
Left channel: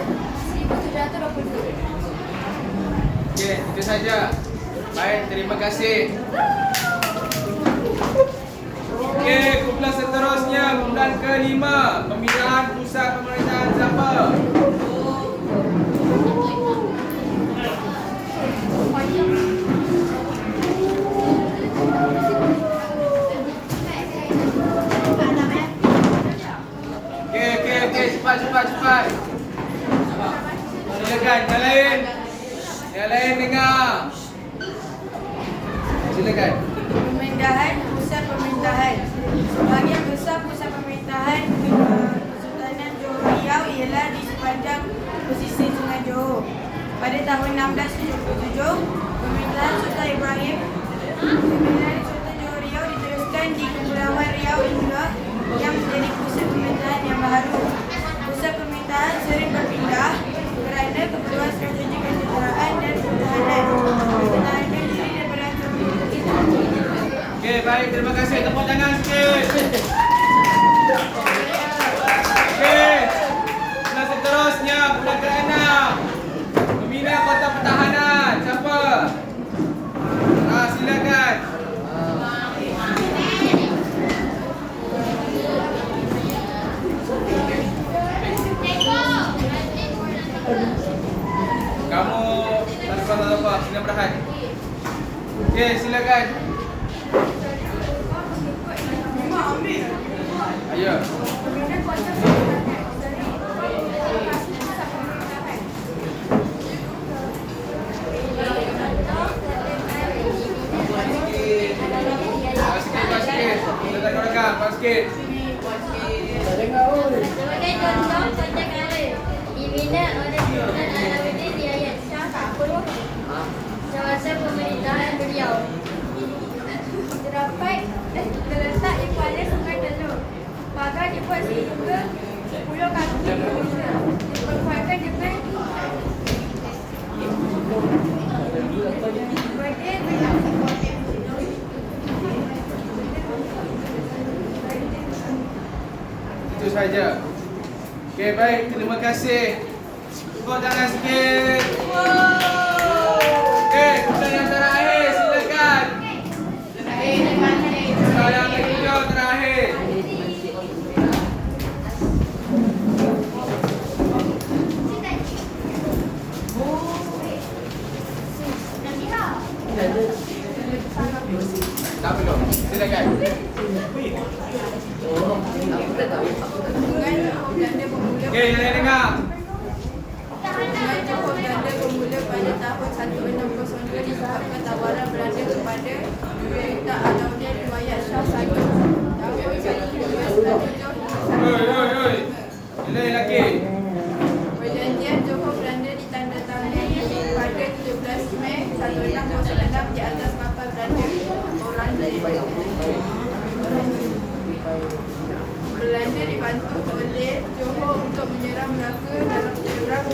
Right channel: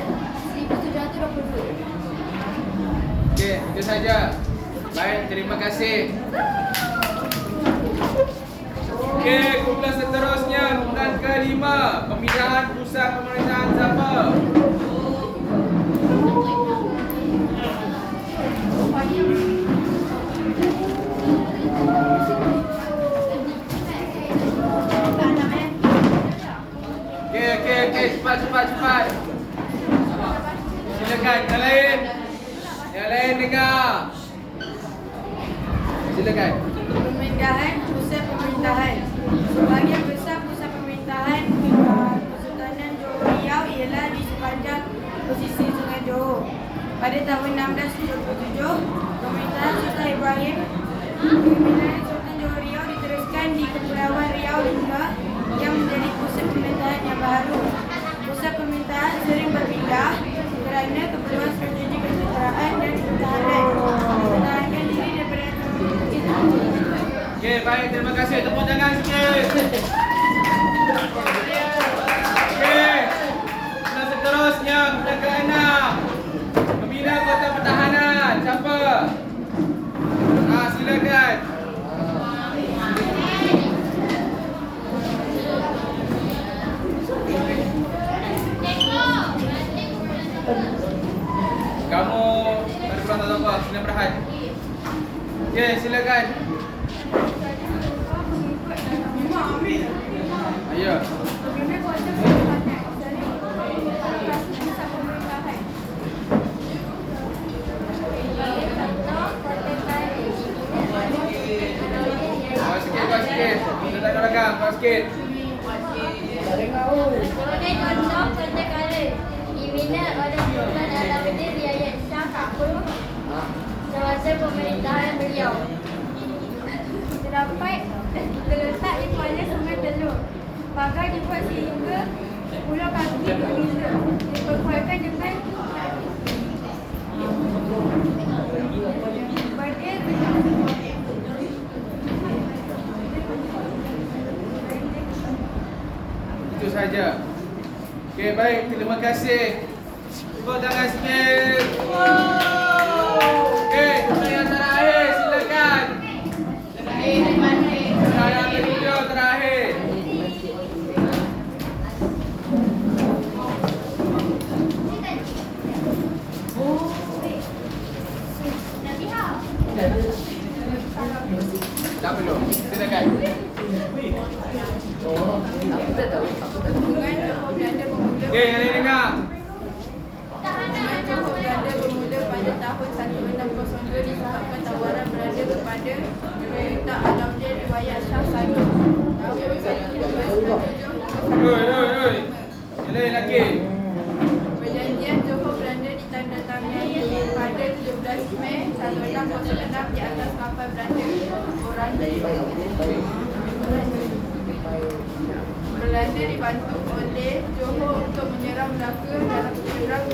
1722. Okey, itu saja. Baik, terima kasih. Okey, kumpulan seterusnya, kumpulan ke-5, pemindahan pusat pemerintahan siapa? Okey, cepat. Silakan, yang lain dengar. Silakan. Pemindahan pusat pemerintahan. Sebahagian besar pusat pemerintahan Kesultanan Johor Riau ialah di sepanjang pesisir Sungai Johor. Pada tahun 1677, pemerintahan Sultan Ibrahim, pemerintahan Sultan Johor Riau diteruskan di Kepulauan Riau hingga yang menjadi pusat pemerintahan yang baru. Pusat pemerintahan sering berpindah kerana keperluan strategi kesetaraan dan pertahanan. Pertahanan diri daripada ancaman. Okey, baik, terima kasih. Tepuk tangan sikit. Okey. Kumpulan seterusnya, kumpulan ke-6. Pembina Kota Pertahanan. Siapa? Silakan. Kamu ada kurang atau apa? Silakan berahan. Okey, silakan. Ayo. Sikit. Rakan-rakan, sikit. Sebagai contoh Kota Kara dibina oleh Sultan Alauddin Riayat Shah tahun semasa pemerintahan beliau. Terletak di kuala Sungai Telur. Pagar dibuat sehingga 10 kaki dibuka. Diperkuatkan dengan berdil Itu saja. Okey, baik. Terima kasih. Tepuk tangan sikit. Okey, kita yang terakhir. Silakan. Saya yang terakhir. Tak perlu. Silakan. Hubungan Johor Belanda bermula Okey, yang lain dengar. Hubungan Johor Belanda bermula pada tahun 1602 disebabkan tawaran Belanda kepada Sultan Alauddin Riayat Shah Sagi. Tahun 1297 Oi. Yang lain lagi. Perjanjian Johor Belanda ditandatangani pada 17 Mei 1606 di atas kapal Belanda Belanda dibantu oleh Johor untuk menyerang Melaka dalam penyerang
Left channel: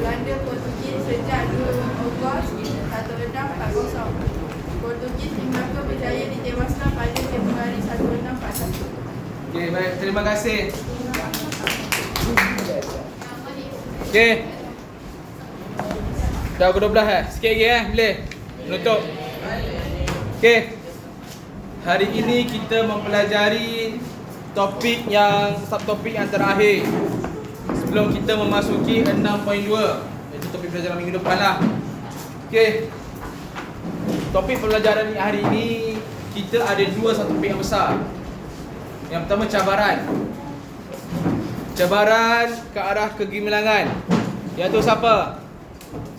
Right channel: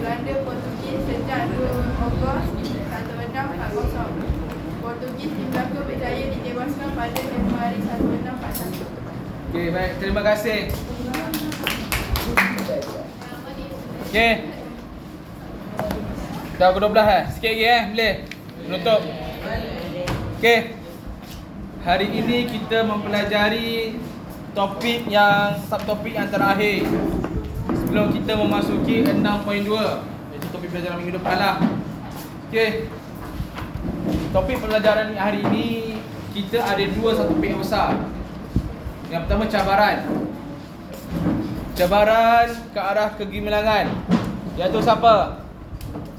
Belanda Portugis sejak 2 Ogos 1640. Portugis di Melaka berjaya ditewaskan pada Februari 1641. Okey, baik. Terima kasih. Okey. Dah pukul 12 Sikit lagi boleh? Menutup. Okey. Hari ini kita mempelajari subtopik yang terakhir sebelum kita memasuki 6.2, iaitu topik pelajaran minggu depan lah. Okey. Topik pelajaran hari ini kita ada dua subtopik yang besar. Yang pertama cabaran. Cabaran ke arah kegemilangan. Iaitu siapa?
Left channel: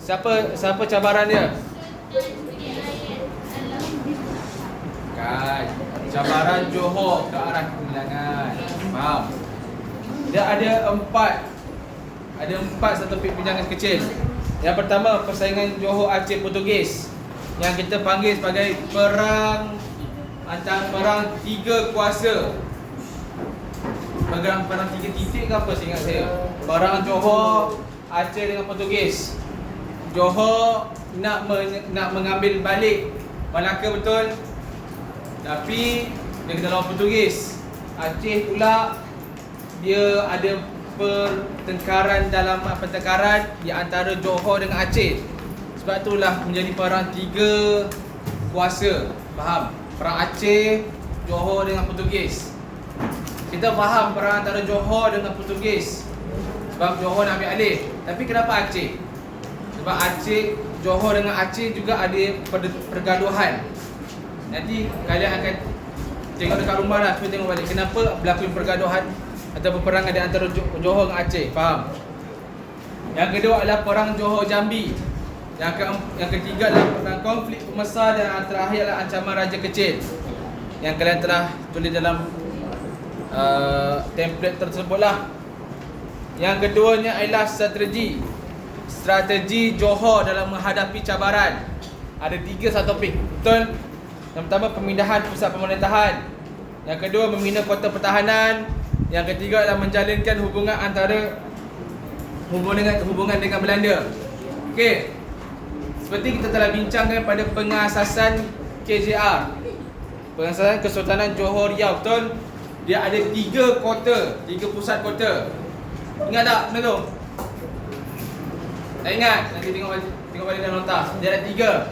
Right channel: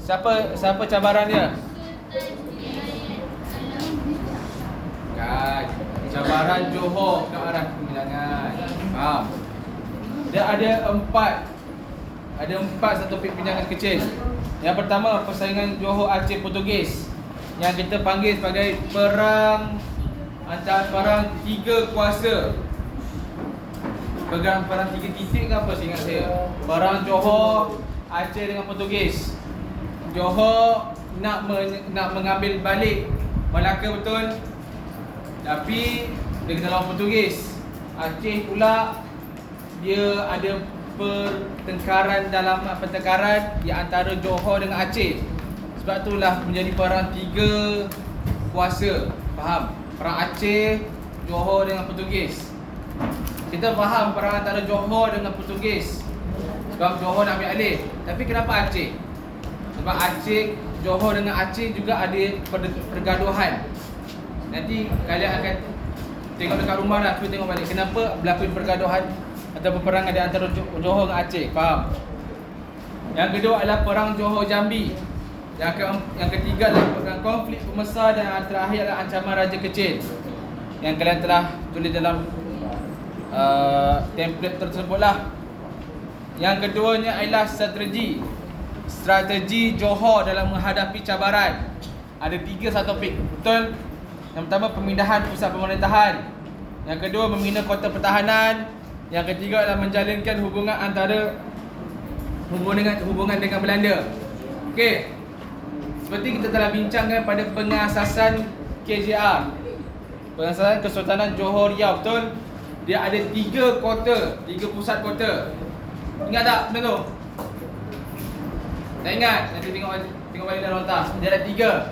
Siapa cabaran dia? Kan. Cabaran Johor ke arah kegemilangan. Faham? Dia ada empat subtopik pinjangan kecil. Yang pertama, persaingan Johor Aceh Portugis, yang kita panggil sebagai perang tiga kuasa. Perang tiga titik ke apa seingat saya. Perang Johor Aceh dengan Portugis. Johor nak mengambil balik Melaka, betul? Tapi dia kena lawan Portugis. Aceh pula dia ada pertengkaran di antara Johor dengan Aceh. Sebab itulah menjadi perang tiga kuasa. Faham? Perang Aceh, Johor dengan Portugis. Kita faham perang antara Johor dengan Portugis sebab Johor nak ambil alih. Tapi kenapa Aceh? Sebab Johor dengan Aceh juga ada pergaduhan. Nanti kalian akan tengok dekat rumah lah, cuba tengok balik kenapa berlaku pergaduhan atau peperangan di antara Johor dengan Aceh. Faham? Yang kedua adalah perang Johor Jambi. Yang ketiga adalah perang konflik pembesar, dan yang terakhir adalah ancaman Raja Kecil yang kalian telah tulis dalam template tersebut lah. Yang keduanya adalah strategi Johor dalam menghadapi cabaran. Ada tiga subtopik, betul? Yang pertama, pemindahan pusat pemerintahan. Yang kedua, membina kota pertahanan. Yang ketiga adalah menjalinkan hubungan dengan Belanda. Okey. Seperti kita telah bincangkan pada pengasasan KJR, pengasasan Kesultanan Johor Riau, betul? Dia ada tiga pusat kota. Ingat tak benda tu? Tak ingat? Nanti tengok balik dalam nota. Dia ada tiga.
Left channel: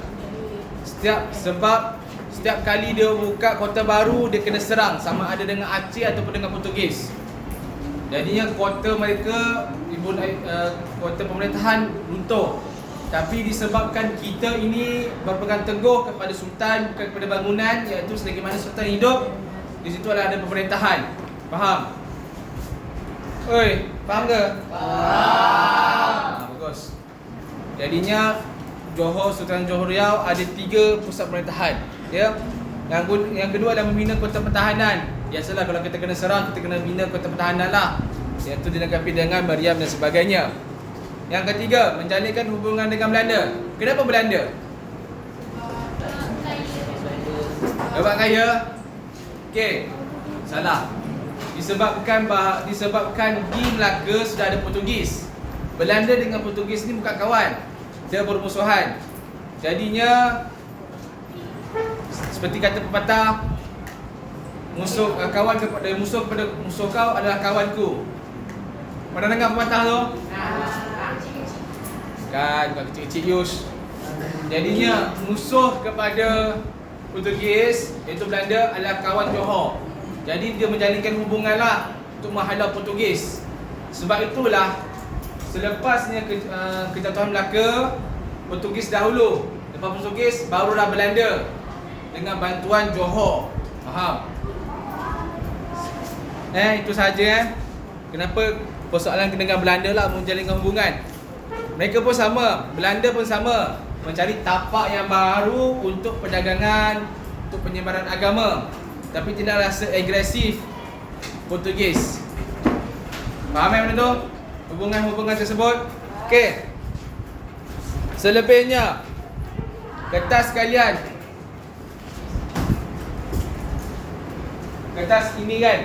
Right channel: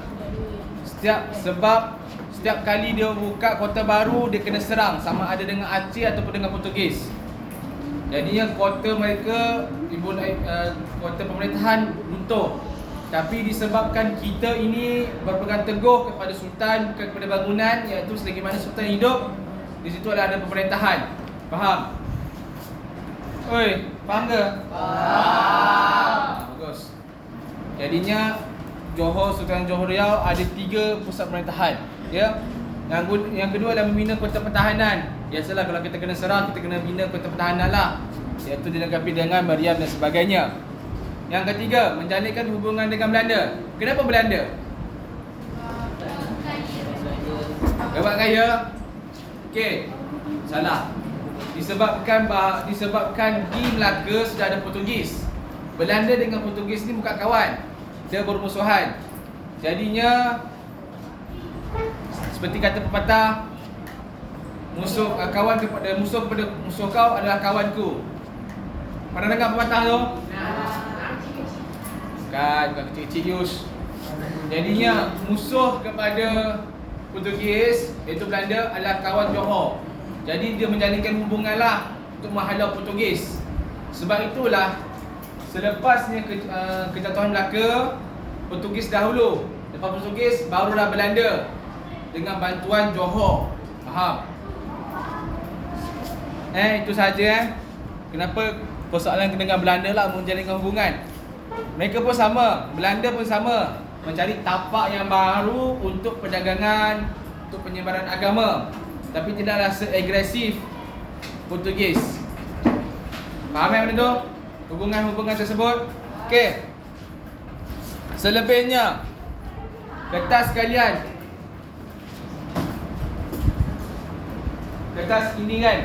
Setiap kali dia buka kota baru, dia kena serang, sama ada dengan Aceh ataupun dengan Portugis. Jadinya kota mereka, kota pemerintahan runtuh. Tapi disebabkan kita ini berpegang teguh kepada Sultan, bukan kepada bangunan, iaitu selagi mana Sultan hidup, di situ ada pemerintahan. Faham? Oi, faham ke? Faham. Bagus. Jadinya Sultan Johor Riau ada tiga pusat pemerintahan. Ya. Yang kedua adalah membina kota pertahanan. Biasalah kalau kita kena serang, kita kena bina kota pertahanan lah, iaitu dilengkapi dengan meriam dan sebagainya. Yang ketiga, menjalinkan hubungan dengan Belanda. Kenapa Belanda? Sebab kaya? Okey, salah. Disebabkan di Melaka sudah ada Portugis. Belanda dengan Portugis ni bukan kawan, dia bermusuhan. Jadinya seperti kata pepatah, musuh kepada musuh kau adalah kawanku. Pernah dengar pepatah tu? Kan, bukan kecil-kecil Yus. Jadinya musuh kepada Portugis, iaitu Belanda, adalah kawan Johor. Jadi dia menjalinkan hubungan lah untuk menghalau Portugis. Sebab itulah selepasnya kejatuhan Melaka, Portugis dahulu. Lepas Portugis, barulah Belanda dengan bantuan Johor. Faham? Itu saja. Kenapa persoalan dengan Belanda lah menjalinkan hubungan. Mereka pun sama, Belanda pun sama, mencari tapak yang baru untuk perdagangan, untuk penyebaran agama, tapi tidaklah seagresif Portugis. Faham benda tu? Hubungan-hubungan tersebut. Okey. Selebihnya, kertas kalian, kertas ini kan,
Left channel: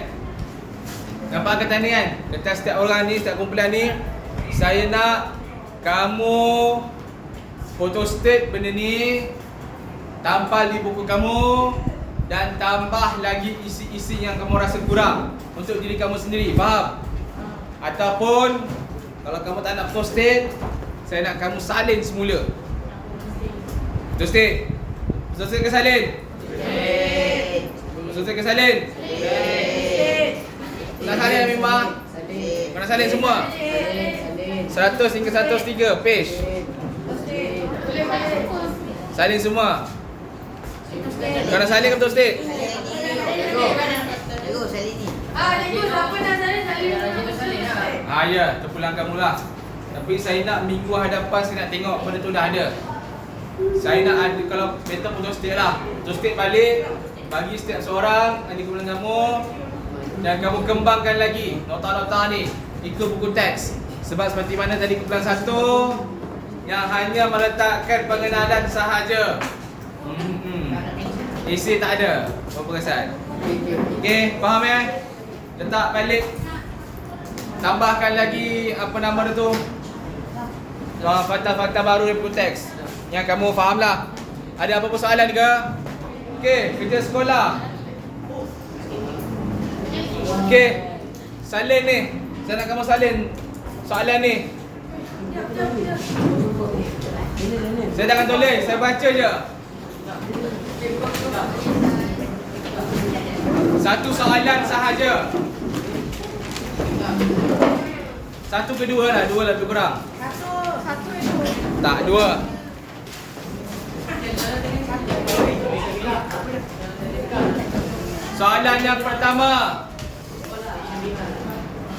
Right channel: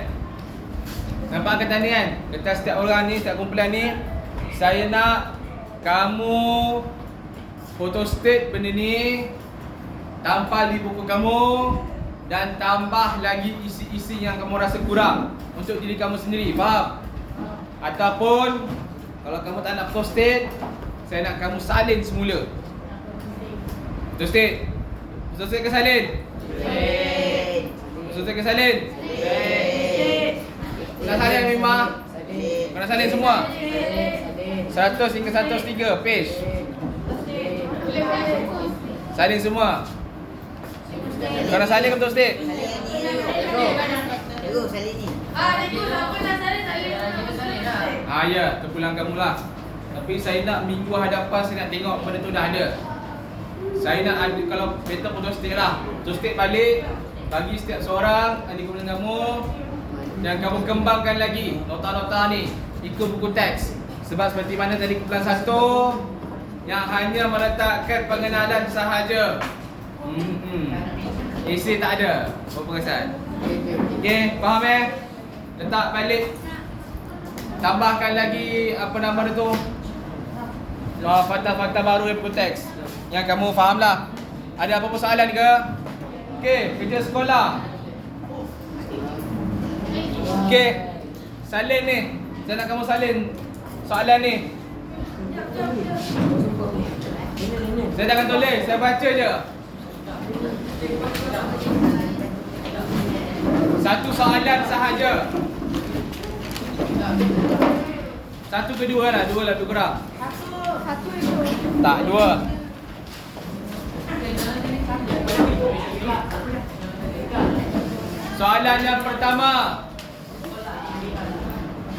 nampak kertas ni kan? Kertas setiap orang ni, setiap kumpulan ni, saya nak kamu photostate benda ni, tampal di buku kamu dan tambah lagi isi-isi yang kamu rasa kurang untuk diri kamu sendiri. Faham? Ataupun kalau kamu tak nak post-it, saya nak kamu salin semula. Post-it. Post-it ke salin? Post-it ke salin? Nak salin Mimah? Kau nak salin semua? 100 hingga 103 page. Salin semua. Kau nak salin ke post-it? Terus saya ni. Ya, terpulang kamulah. Tapi saya nak minggu hadapan saya nak tengok benda tu dah ada. Saya nak ada, kalau better post-it lah. Post-it balik, bagi setiap seorang di kumpulan kamu, dan kamu kembangkan lagi nota-nota ni ikut buku teks. Sebab seperti mana tadi kumpulan 1 yang hanya meletakkan pengenalan sahaja. Isi tak ada. Berapa perasan? Okey, faham Letak balik. Tambahkan lagi apa nama dia tu? Fakta-fakta baru dari buku teks yang kamu faham lah. Ada apa-apa soalan ke? Okey, kerja sekolah. Okey, salin ni. Saya nak kamu salin soalan ni. Saya jangan tulis, saya baca je. Satu soalan sahaja. Satu ke dua lah, dua lebih kurang. Satu itu. Tak, dua. Soalan yang pertama.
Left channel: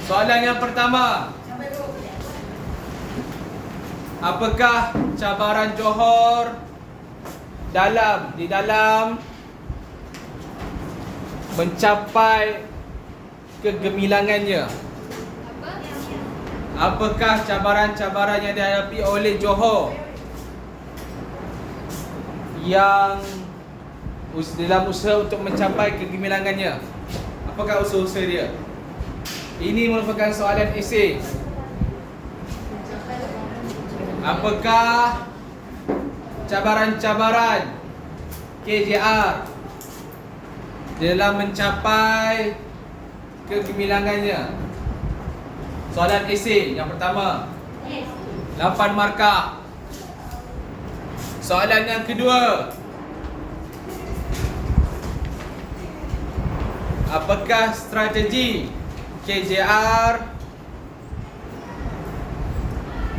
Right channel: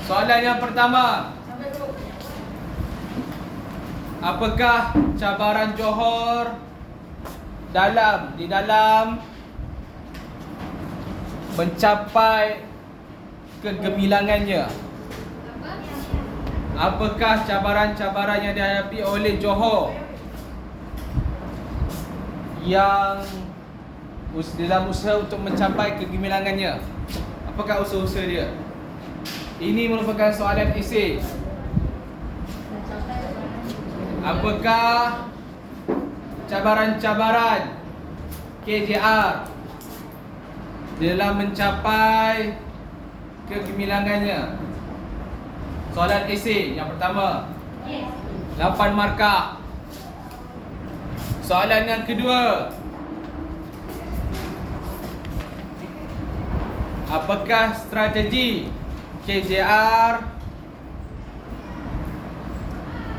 Soalan yang pertama. Apakah cabaran Johor di dalam mencapai kegemilangannya? Apakah cabaran-cabaran yang dihadapi oleh Johor yang dalam usaha untuk mencapai kegemilangannya? Apakah usaha-usaha dia? Ini merupakan soalan esei. Apakah cabaran-cabaran KJR dalam mencapai kegemilangannya? Soalan esei yang pertama, 8 markah. Soalan yang kedua, apakah strategi KJR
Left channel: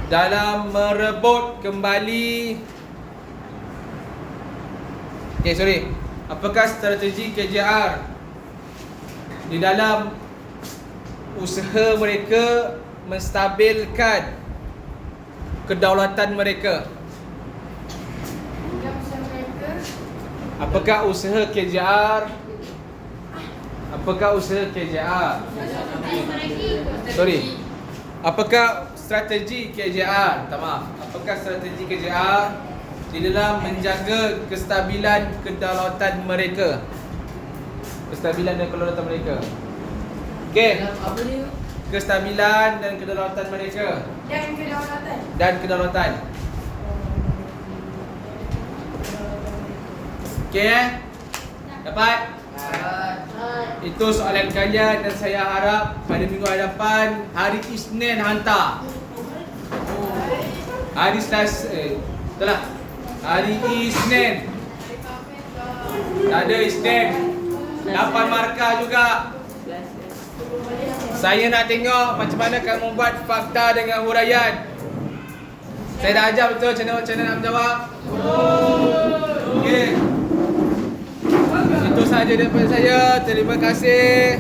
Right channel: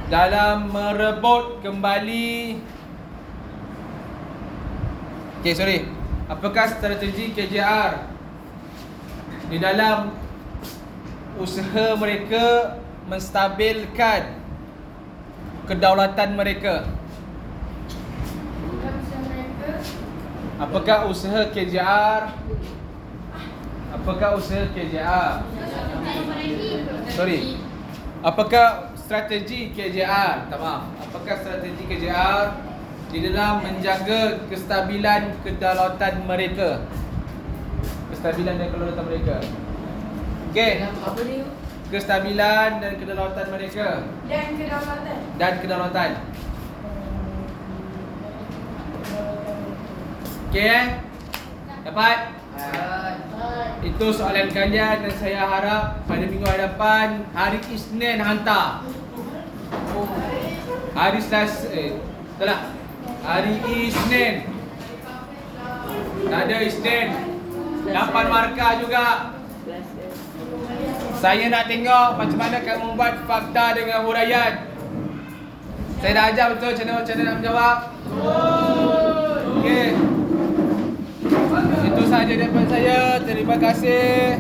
dalam merebut kembali apakah strategi KJR di dalam usaha mereka menstabilkan kedaulatan mereka? Apakah usaha KJR? Apakah strategi KJR? Apakah strategi KJR di dalam menjaga kestabilan kedaulatan mereka? Kestabilan dan kedaulatan mereka. Okey. Apa ni? Kestabilan dan kedaulatan mereka. Dan kedaulatan. Okey Dapat? Itu soalan kalian dan saya harap pada minggu hadapan hari Isnin hantar. Hari Selasa hari Isnin. Tak ada Isnin. 8 markah juga. Saya nak tengok macam mana kamu buat fakta dengan huraian. Saya dah ajar betul macam mana nak menjawab. Okey. Itu sahaja daripada saya. Terima kasih.